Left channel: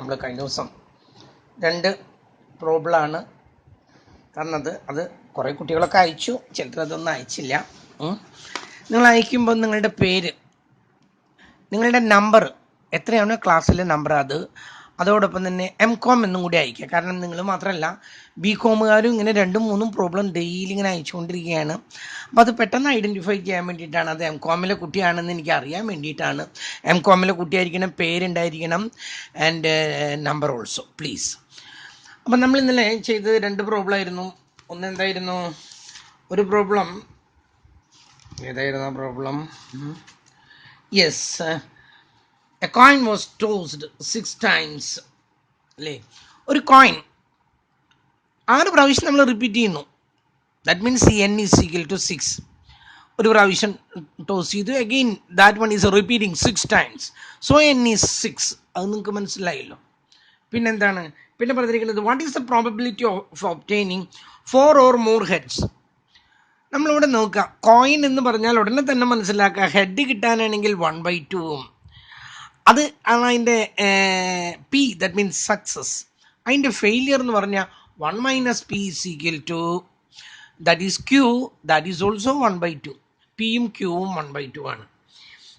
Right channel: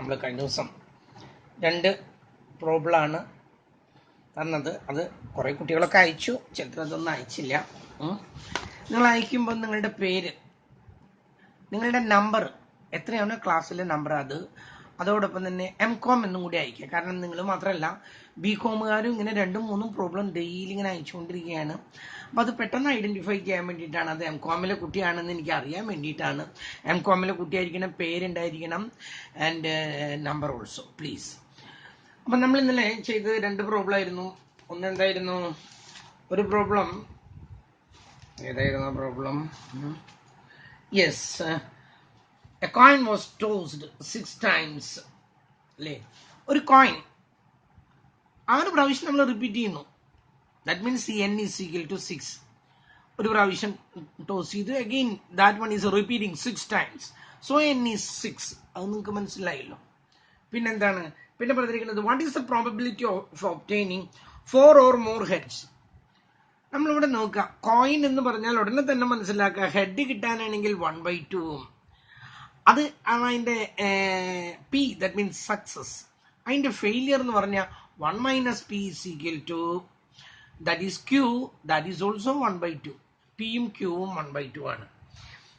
നമ്മൾ കഴിഞ്ഞ ദിവസം 2 പ്രോബ്ലമാണ് തന്നത്. അത് കുറേ കുട്ടികളൊക്കെ അയച്ചു, ചിലരതൊന്നും അയച്ചില്ല. നിങ്ങൾ അയക്കുമ്പോൾ നിങ്ങളുടെ പേര്, നിങ്ങളുടെ നമ്പർ എത്രയാണ് ക്ലാസ്സിലെ നമ്പർ, അതോടൊപ്പം തന്നെ MCom എന്നും കൂടി അയക്കുക. കാരണം നിങ്ങൾ മാത്രമല്ല BComകാരും ഇങ്ങനെ 2-3 പ്രോബ്ലം ഡെയിലി ഇങ്ങനെ അയച്ചുകൊണ്ടിരിക്കുകയാണ്. അപ്പോൾ അത് പെട്ടെന്ന് ഐഡൻറ്റിഫൈ ചെയ്യാൻ വേണ്ടിയിട്ടാണ്, അത് MComലെ കുട്ടിയാണെന്ന് എനിക്ക് അറിയാൻ വേണ്ടിയിട്ടാണ്. MComലെ കുട്ടിയായിരിക്കണം, പേരുണ്ടായിരിക്കണം, ആൻഡ് നമ്പർ ഓൾസോ പ്ലീസ്. അപ്പം നമ്മൾ ഇന്നലെ ചെയ്തത് 2 പ്രോബ്ലം ആയിരുന്നു. ഒന്ന് എന്തായിരുന്നു, ഒരു പ്രോബ്ലം ഏതായിരുന്നു problem? Yes, a coin was tossed 6 times. അല്ലേ, ഒരു കോയിൻ 6 പ്രാവശ്യം നമ്മൾ റിപ്പീറ്റ് ചെയ്യുന്നു. That means n is equal to 6. ഒരു പ്രാവശ്യം ടോസ് ചെയ്തു, again that one is repeating 6 times. So n is 6. അത് നിങ്ങൾക്ക് മനസ്സിലായല്ലോ. പിന്നെന്താണ്, പിന്നെ പറഞ്ഞിരിക്കുന്നത് what is the probability of obtaining 4 or more heads. നമ്മളിവിടെ നോക്കുക, കോയിൻ എന്ന് പറഞ്ഞാൽ ഉടനെ തന്നെ മനസ്സിലാക്കുക, ഹെഡ് കിട്ടാനാണെങ്കിൽ 1/2, അത് ആണ് അതിൻ്റെ P, ദാറ്റ് മീൻസ് സക്സസ്. അതിൻ്റെ ഫെയിലിയർ എന്ന് പറഞ്ഞാൽ 1 - P is equal to, that is Q, that is also 1/2. Pയും Qവും 1/2 ആണ്.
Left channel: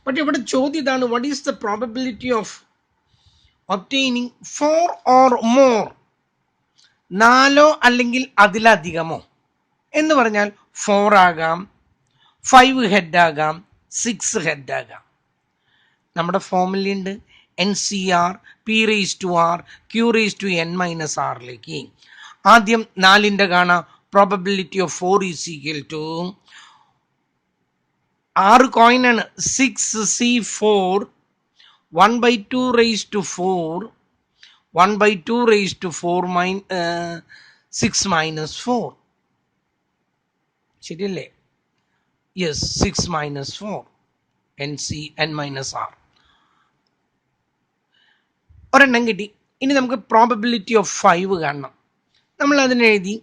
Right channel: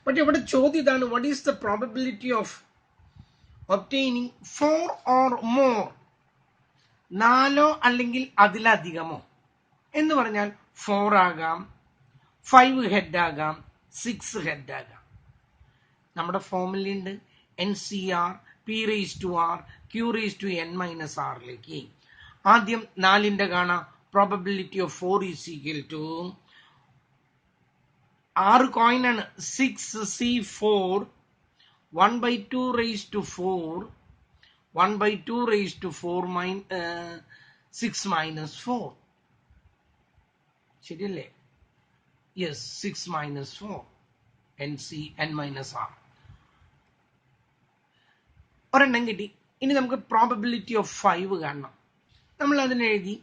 പക്ഷെ ഇവിടെ ചോദ്യം ഇതാണ്, what is the probability of obtaining 4 or more, 4 അല്ലെങ്കിൽ അതിലധികമോ എന്ന് പറഞ്ഞാൽ 4 ആകാം, 5 ഹെഡ് ആകാം, 6 ഹെഡ് ആകാം. നമ്മുടെ ഫോമുലുണ്ട് NCR P⁻R Q⁻n-R. ആദ്യം 4ൻ്റെ കാണാം, probability of 4 is equal to 6 കോയിനാണ്, 6C4 1/2 6 - 4. ശരിയല്ലേ? Yes, 6 - 4 NC(n-R). ഒരെണ്ണം കിട്ടി. ഇനി നമുക്ക് പ്രോബബിലിറ്റി ഓഫ് 5 കാണണം. നമ്മൾ അതിനെഴുതി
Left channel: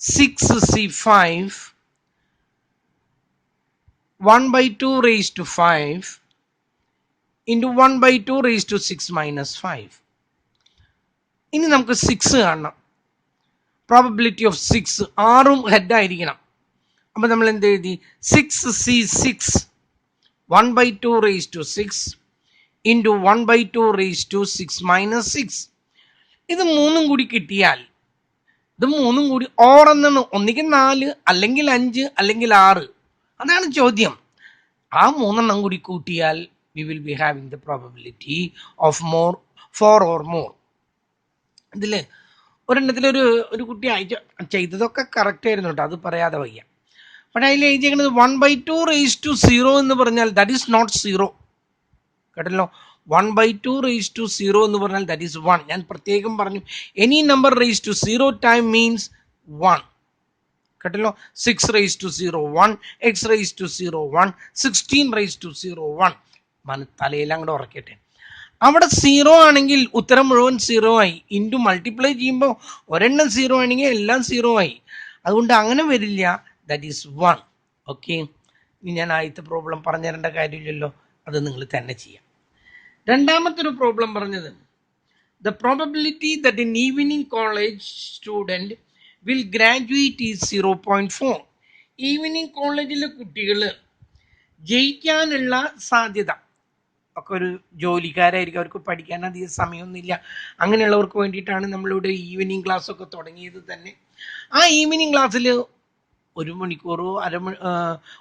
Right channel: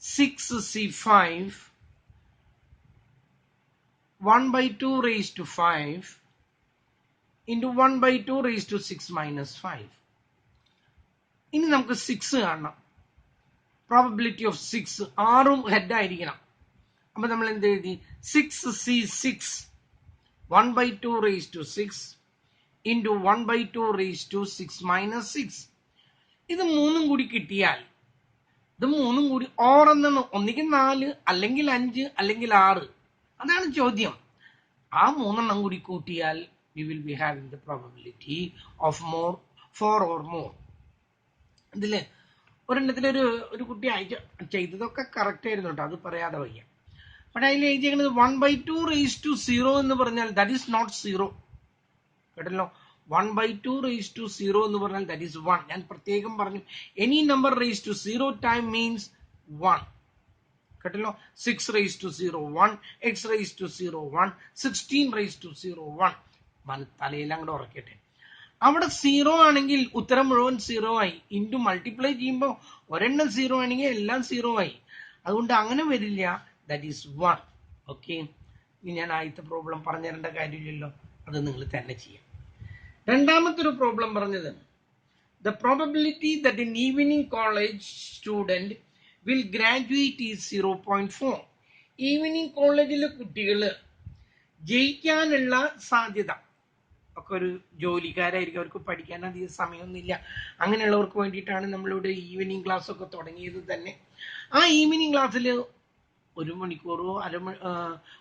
6C5 1/2 into 1/2 6 - 5. ഇനി നമുക്ക് 6 കാണണം. Probability of 6, 6ഉം ഹെഡായിരിക്കണം. അപ്പം നമ്മൾ എന്ത് എഴുതി, 6C6 1/2 6 into 1/2 6 - 6. ഇത് 3ഉം കൂടി കിട്ടിയാൽ, ഇത് 3ഉം കൂടി ഓർ എന്നാണ്, ഒന്നുകിൽ 4 അല്ലെങ്കിൽ 5 അല്ലെങ്കിൽ 6. അതാണ് ചോദ്യം. ആ 3എണ്ണം കൂടി കൂട്ടിയാൽ we will be having the probability of 4 or more. ഇതിൽ ഒരെണ്ണത്തിലൊരു കുട്ടി ചെയ്തതൊക്കെ കറക്റ്റ് ആയിരുന്നു കേട്ടോ, അത് പറയാതെ വയ്യ. പക്ഷേ അതിൽ എഴുതിയിരിക്കുന്നത് 1/2 0 എന്ന് പറഞ്ഞാൽ ദാറ്റ് ഈസ് നോട്ട് 0. കേട്ടല്ലോ, 1/2 എന്ന് പറഞ്ഞാൽ ദാറ്റ് ഈസ് 1. ഞാൻ പ്രത്യേകം പറഞ്ഞു, any number raise to 0 time means 1. കേട്ടല്ലോ, 6 * 1, x⁻0 1, 16 * 1. തലയെല്ലാം കൂടെ ഉറക്കട്ടെ. അവിടെ 0 ആണെങ്കിൽ ഉത്തരം മുഴുവൻ 0 ആയി. ഇൻറ്റു മൾട്ടിപ്ലൈ ചെയ്യുമ്പോൾ ഒരെണ്ണം 0 ആണെങ്കിൽ എല്ലാം 0 ആയി. അതുകൊണ്ട് അങ്ങനെ വരില്ല, ദാറ്റ് ഈസ് 1. ഓക്കെ, ഇനി ഞാൻ ആദ്യത്തെ പ്രോബ്ലം പറഞ്ഞു തരേണ്ട കാര്യമില്ലല്ലോ, അത് നിങ്ങൾ തന്നെ ചെയ്യാം. രണ്ടാമത്തെ ഒരു പ്രോബ്ലം പറഞ്ഞത്, the probability that N evening college student will graduate is 0.4. Evening കോളേജിലെ കുട്ടികൾ ജയിക്കാനുള്ള സാധ്യത ഒക്കെ, ഒരു ജോലിക്കാരായിരിക്കും, അവർക്ക് പഠിക്കാൻ അധികം സമയമൊന്നുമില്ല, അങ്ങനെയുള്ളവർക്ക് വേണ്ടിയിട്ടാണ് നമ്മളിവിടെ ഈവനിങ് ക്ലാസ് ഒക്കെ തുടങ്ങിയത് തന്നെ. ആ ഈവനിങ് ക്ലാസ്സിൽ 1 മണിക്കൂറോ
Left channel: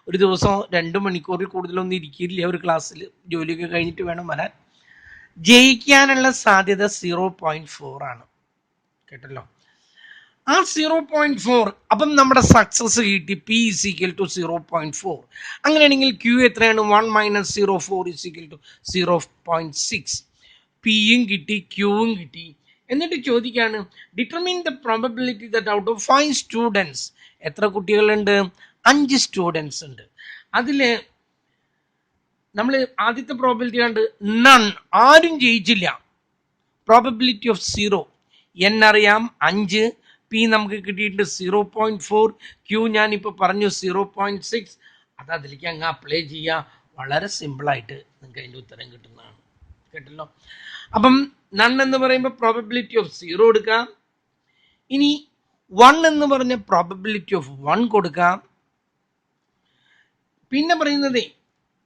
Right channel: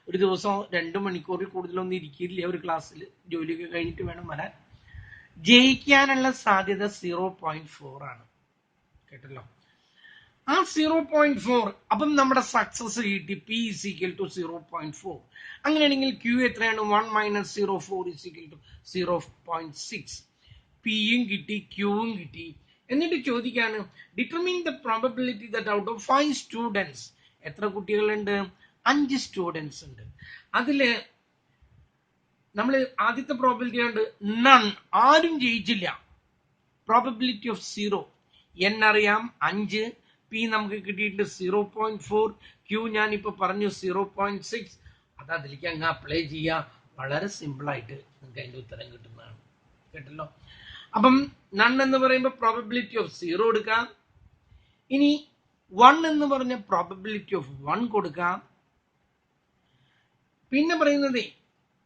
ഒരു ദിവസം 2 മണിക്കൂറിൽ കൂടുതലൊന്നും ഇരിക്കില്ല ഒരു ക്ലാസ്സിൽ, ജോലിയൊക്കെ കഴിഞ്ഞിട്ട് വേണം വരാൻ. ജയിക്കാനുള്ള സാധ്യത 0.4 ആണ്. കേട്ടല്ലോ, ആ 0.4. അപ്പം നമ്മുടെ സക്സസ് കിട്ടി, P is equal to 0.4. അങ്ങനെയാണെങ്കിൽ Q എത്രയാണ്? 1 - 0.4 is equal to 0.6. Pയും കിട്ടി, Qവും കിട്ടി. എന്നിട്ട് ചോദിക്കാണ്, determine the probability that out of 5 students, എത്ര കുട്ടികളുണ്ട്? 5 സ്റ്റുഡൻസ് ഉണ്ട്. അതിൽ നമ്മൾ ആദ്യത്തെ പ്രോബബിലിറ്റി കണ്ട് നൺ, ആരും ജയിച്ചില്ല. പ്രോബബിലിറ്റി ഓഫ് 0, n അറിയാം 5, P നമുക്ക് കിട്ടിയിട്ട് 0.4, Q ഞാനിപ്പോൾ പറഞ്ഞു 0.6. അത് അതിലേക്ക് അങ്ങ് അപ്ലൈ ചെയ്യുക, വളരെ സിമ്പിളായിട്ട് നിങ്ങൾക്ക് അതിൻ്റെ ഉത്തരം കിട്ടുന്നതാണ്. കേട്ടല്ലോ, അപ്പം നൺ എന്ന് പറയുമ്പോൾ പ്രോബബിലിറ്റി ഓഫ് 0 എടുക്കാം. ഇനി 1 എന്ന് പറഞ്ഞ പ്രോബബിലിറ്റി ഓഫ് 1 കൊടുക്കാം. പിന്നെ പറയുന്നത്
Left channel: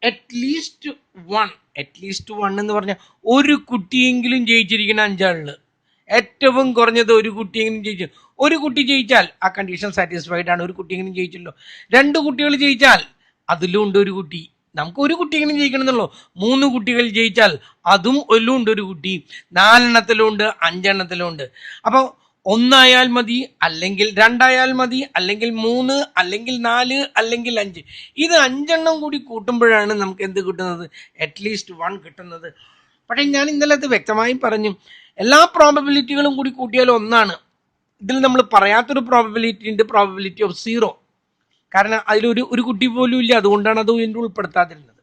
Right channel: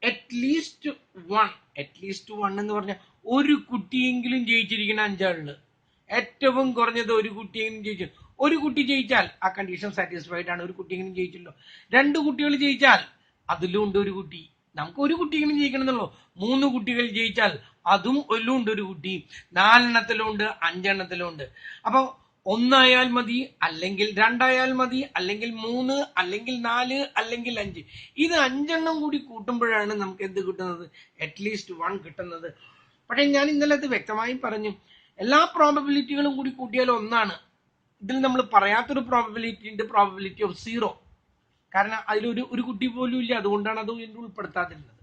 അറ്റ്ലീസ്റ്റ് 1 എന്ന് പറഞ്ഞാൽ ഒരു കുട്ടിയെങ്കിലും ജയിച്ചിരിക്കുന്ന 5 ആളില് ഏറ്റവും കുറഞ്ഞത് ഒരു കുട്ടിയെങ്കിലും ജയിച്ചു. ഒരു കുട്ടി ജയിച്ചാൽ ആ കണ്ടീഷൻ സാറ്റിസ്ഫൈഡ് ആണ്. ഒരു കുട്ടിയെങ്കിലും ജയിച്ചല്ലോ. 2 കുട്ടികൾ ജയിച്ചാൽ അതിലും ഉണ്ട് ഒരു കുട്ടി. നമുക്ക് ഒരു കുട്ടിയെങ്കിലും ജയിക്കണം എന്നുള്ളൂ. 3 കുട്ടികൾ ജയിച്ചാൽ അതും ഒല്ലും ഉണ്ട് ഒരു കുട്ടി. 4 എണ്ണത്തിലും ഉണ്ട്, 5 എണ്ണത്തിലും ഉണ്ട്. അപ്പോൾ 1 ആയാൽ മതി, അല്ലെങ്കിൽ 2 ആയാൽ മതി, അല്ലെങ്കിൽ 3, അല്ലെങ്കിൽ 4, അല്ലെങ്കിൽ 5. ഇത് 5 എണ്ണം കൂടി കൂട്ടുമ്പോഴാണ് നമുക്ക് എന്ത് കിട്ടുന്നത്? അറ്റ്ലീസ്റ്റ് 1 കിട്ടുന്നത്. പക്ഷേ ഞാൻ ഇന്നലെ അത് വ്യക്തമായി പറഞ്ഞു, എല്ലാ പ്രോബബിലിറ്റികളും കൂടി കൂട്ടിയാൽ 1 ഇതിൽ നമ്മൾ പറയാത്തൊരു പ്രോബബിലിറ്റി ഉണ്ട്, പ്രോബബിലിറ്റി ഓഫ് 0. കാരണം അതിലൊരു കുട്ടി പോലും ഇല്ല, അതുകൊണ്ടാണ് അത് ഇതിൻ്റെ ഉൾപ്പെടുത്താതിരുന്നത്.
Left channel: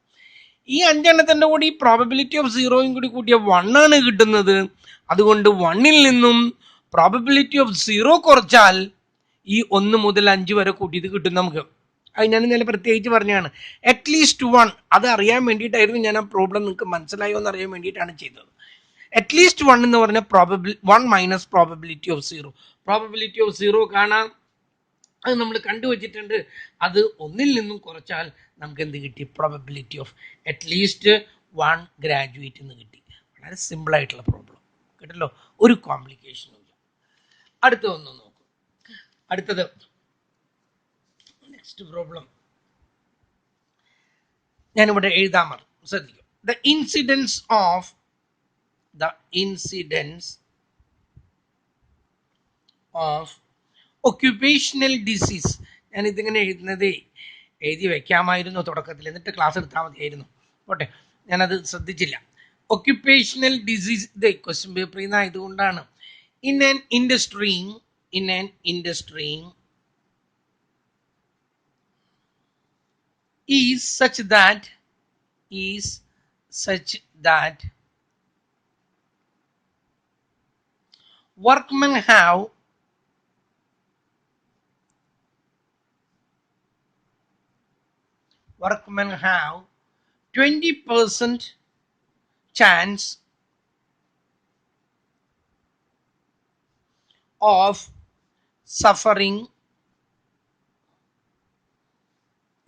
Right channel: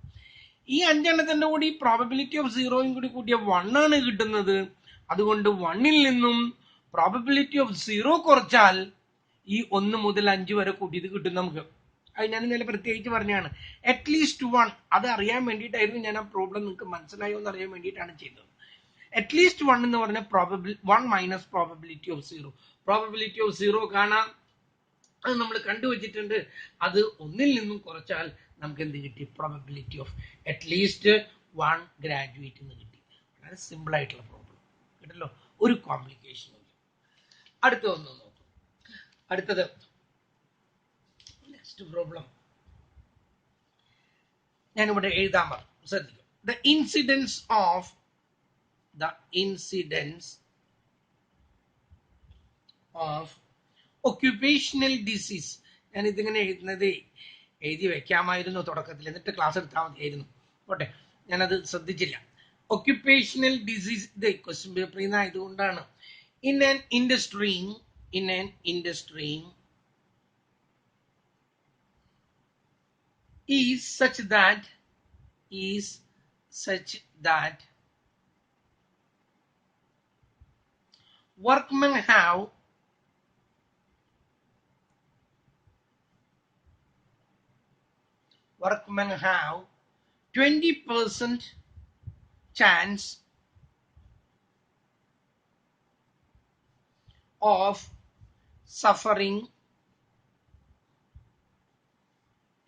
ഈ 5 എണ്ണത്തിൻ്റെ കൂടി പ്രോബബിലിറ്റി ഓഫ് 0 കൂടി കൂട്ടിയ 1 കിട്ടുന്നത്. അതുകൊണ്ട് 1 നിന്നും പ്രോബബിലിറ്റി ഓഫ് 0 കുറച്ചാൽ ഈ 1 മുതൽ 5 വരെ കൂട്ടിയത് കിട്ടും നമുക്ക്. അത് ഞാൻ ഇന്നലെ പ്രത്യേകിച്ച് പറഞ്ഞാണ്. അറ്റ്ലീസ്റ്റ് 1 അത് അറിയാൻ വേണ്ടിയിട്ടായിരുന്നു ഞാൻ ആ പ്രോബ്ലം നിങ്ങൾക്ക് മനസ്സിലായോ എന്ന് അറിയാൻ വേണ്ടിയിട്ടാണ് ചെയ്തത്. അറ്റ്ലീസ്റ്റ് 1 എന്ന് പറഞ്ഞ 1 minus probability of 0. Probability of 0 കാണാം, അത് നമ്മൾ കണ്ടുവച്ചിട്ടുണ്ട്. അത് 1 നിന്നും കുറച്ചാൽ നമുക്ക് എന്ത് കിട്ടി? പ്രോബബിലിറ്റി ഓഫ് അറ്റ്ലീസ്റ്റ് 1 ഗ്രാജുവേറ്റ് എന്ന് കിട്ടി. വളരെ സിമ്പിൾ ആയിട്ടുള്ള പ്രോബ്ലം കേട്ടല്ലോ, ഒരു കോംപ്ലിക്കേഷനും ഇല്ല. അടുത്ത ഒന്ന് നോക്കും. അടുത്തത് നെക്സ്റ്റ് പ്രോബ്ലം ഞാനിവിടെ എഴുതാൻ പറഞ്ഞു, ശ്രദ്ധിക്കുക. The incidents of occupational disease. ഞാൻ ഇതിങ്ങനെ എഴുതി വെക്കാമായിരുന്നു തുടക്കത്തിൽ, എന്നിട്ട് ക്ലാസ് എടുത്താൽ മതിയായിരുന്നു. ഓട്ടെ, ഞാനത് ശ്രദ്ധിച്ചില്ല. ഒക്യുപേഷണൽ ഡിസീസ് ഇത് ക്വസ്റ്റ്യൻ പേപ്പറിൽ നിന്ന് ആയതുകൊണ്ടാണ്. In an industry is such that workmen have workmen have 20% chance of suffering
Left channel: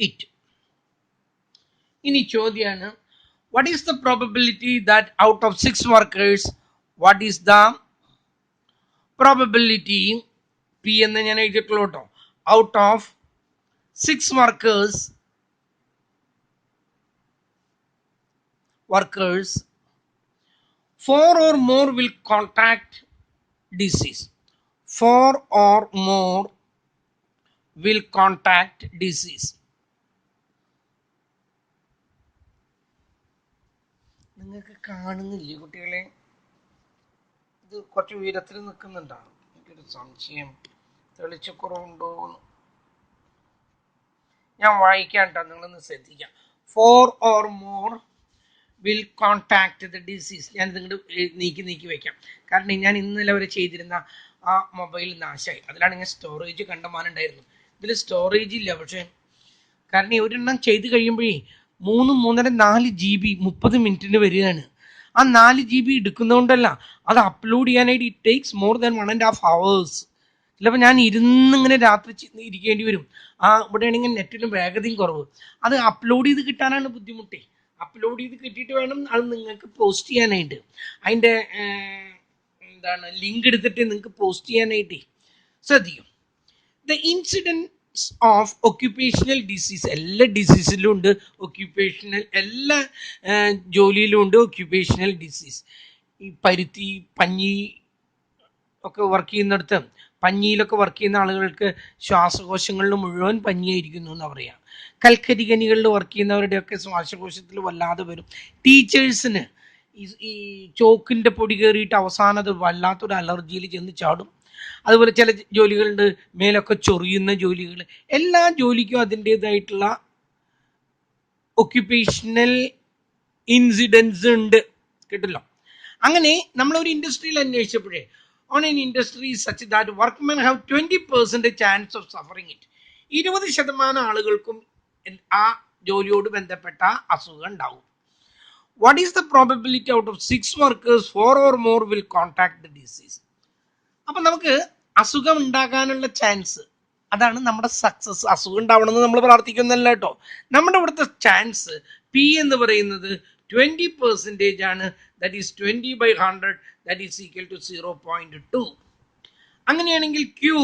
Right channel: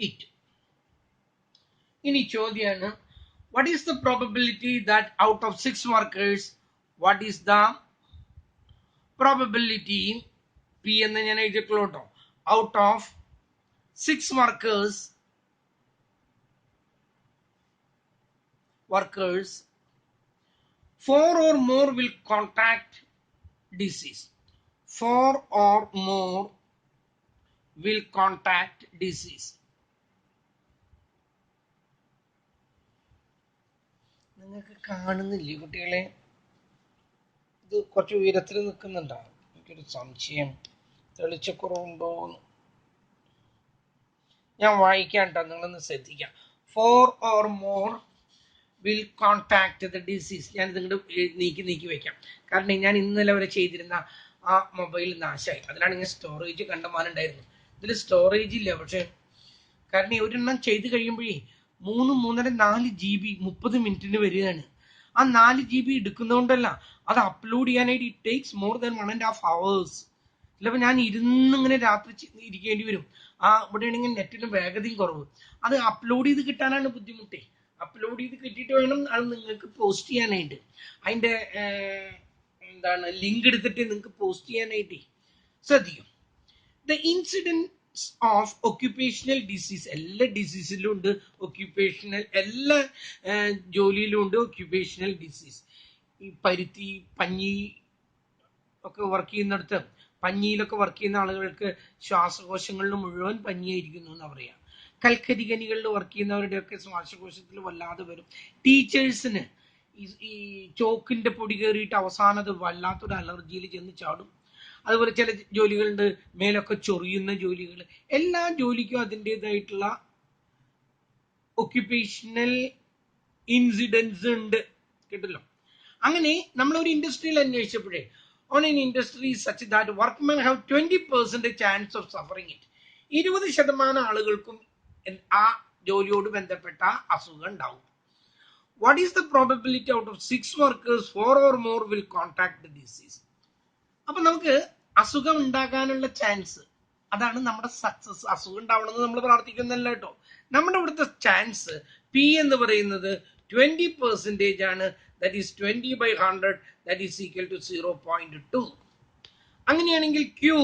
it. ഇനി ചോദ്യമാണ്, what is the probability that out of 6 workers, what is the probability, P എന്ന് ഞാൻ എഴുതിയിട്ടുള്ളൂ കേട്ടോ, out of 6 workers 4 or more will contract disease. 4 or more will contract disease. നിങ്ങൾക്ക് കാണുന്നില്ലേ കുട്ടികളെ? ഇത് കുറച്ച് ഉയരത്തിൽ നിൽക്കുന്നുണ്ടാവും. എനിക്കൊരു സംശയം, തെളിച്ചക്കുറവുണ്ടോ എന്ന്. ഞാൻ വായിക്കാം കേട്ടോ, നിങ്ങളൊന്ന് ശ്രദ്ധിക്കാം. 4 or more will contact the disease. ഞാൻ ഇതിങ്ങോട്ട് നീക്കി വെക്കാം. കാരണം ഞാൻ ഇന്നലെ വരെ ചെയ്തിരുന്ന ആ മൊബൈൽ നാശമായി. അതിലാണ് ഞാൻ സ്റ്റോറേജ് കണ്ടമാനുണ്ടായിരുന്നു. ഇതിൽ സ്റ്റോറേജ് ഇല്ല. പക്ഷെ കാരണം ഈ ഒരെണ്ണം ചെയ്ത് കഴിയുമ്പോഴേ 3, 3.5, 4 GB 30 മിനിറ്റിന് വരികയാണ്. ആ 4 GB എടുക്കുന്നതുകൊണ്ടല്ല, അത് അപ്ലോഡ് ചെയ്യാനായിട്ട് it takes more than 1.5 hours. ചിലപ്പോൾ ഞാൻ ഇരുന്നിങ്ങനെ രാത്രി ഇരിക്കേണ്ടി വരും. ഇവിടെ ആണെങ്കിൽ നെറ്റിന് വേഗതയും കുറവ്. അത് അപ്ലോഡ് ചെയ്ത് കിട്ടാനാണ് ബുദ്ധിമുട്ടേ. അപ്ലോഡ് ചെയ്ത് കിട്ടിയിട്ട് വേണം അത് നിങ്ങൾക്ക് പോസ്റ്റ് ചെയ്യാനായിട്ട്. അതിൻ്റെ ലിങ്ക് എടുത്തിട്ട് നിങ്ങൾക്ക് പോസ്റ്റ് ചെയ്യാനായിട്ടേ. ശ്രദ്ധിക്കും. The incidents of occupational disease, എല്ലാ ഡിസീസിലും ഉണ്ട് ഒക്യുപേഷണൽ, എല്ലാ ജോലിയിലും ഉണ്ട് ഒക്യുപേഷണൽ ഡിസീസ്. ഈ പരുത്തി, പഞ്ഞി ഒക്കെ വർക്ക് ചെയ്യുന്നിടത്ത്, പഞ്ഞിയിലൊക്കെ വർക്ക് ചെയ്യുന്ന ആളുകൾക്ക് ശ്വാസകോശങ്ങളിൽ മുഴുവൻ പഞ്ഞിയായിരിക്കുന്നു എന്ന് പറയാം. കൽക്കരി ഖനികളിൽ വർക്ക് ചെയ്യുന്നവരുടെയൊക്കെ ശ്വാസകോശത്തിൽ വല്ലാതെ വരും. ടീച്ചേഴ്സിന് ഈ ചോക്കിൻ്റെ പൊടി കയറിയിട്ട് അവസാനം അത് വല്ലാത്തൊരു അലർജിയിൽ ചെന്ന് ചാടും. അതുപോലെ ചില ജോലികളുണ്ട്, മേലൊക്കെ ചൊറിയുന്ന ജോലികൾ. എല്ലാ ജോലിക്കും അതിൻ്റേതായിട്ടുള്ള ഒക്യുപേഷണൽ ഇൻസിഡൻസ് ഉണ്ട്, കേട്ടല്ലോ. അങ്ങനെ നമ്മളൊരു ഇൻഡസ്ട്രിയിൽ അന്വേഷിച്ചപ്പോഴേ, on an industry such that workmen have 20% chance of suffering it. 20% ആളുകൾക്കും ആ ജോലിയോട് ബന്ധപ്പെട്ട അസുഖം ഉണ്ടാവും. What is the probability out of 6 workers 4 or more will contract the disease? അപ്പൊ നമുക്ക് അസുഖം ഉണ്ടാകാനുള്ള ചാൻസ്, അതാണ് നമ്മുടെ സക്സസ്. അസുഖം ഉണ്ടാവണമെന്ന് നമ്മൾ പ്രാർത്ഥിക്കുന്നല്ല കേട്ടോ. നമ്മുടെ ഇവിടുത്തെ ചാൻസ് പി എന്ന് പറയുന്നത് 20% ആണ്. That is 20/100, that is equal to 0.2. അങ്ങനെയാണെങ്കിൽ ക്യൂ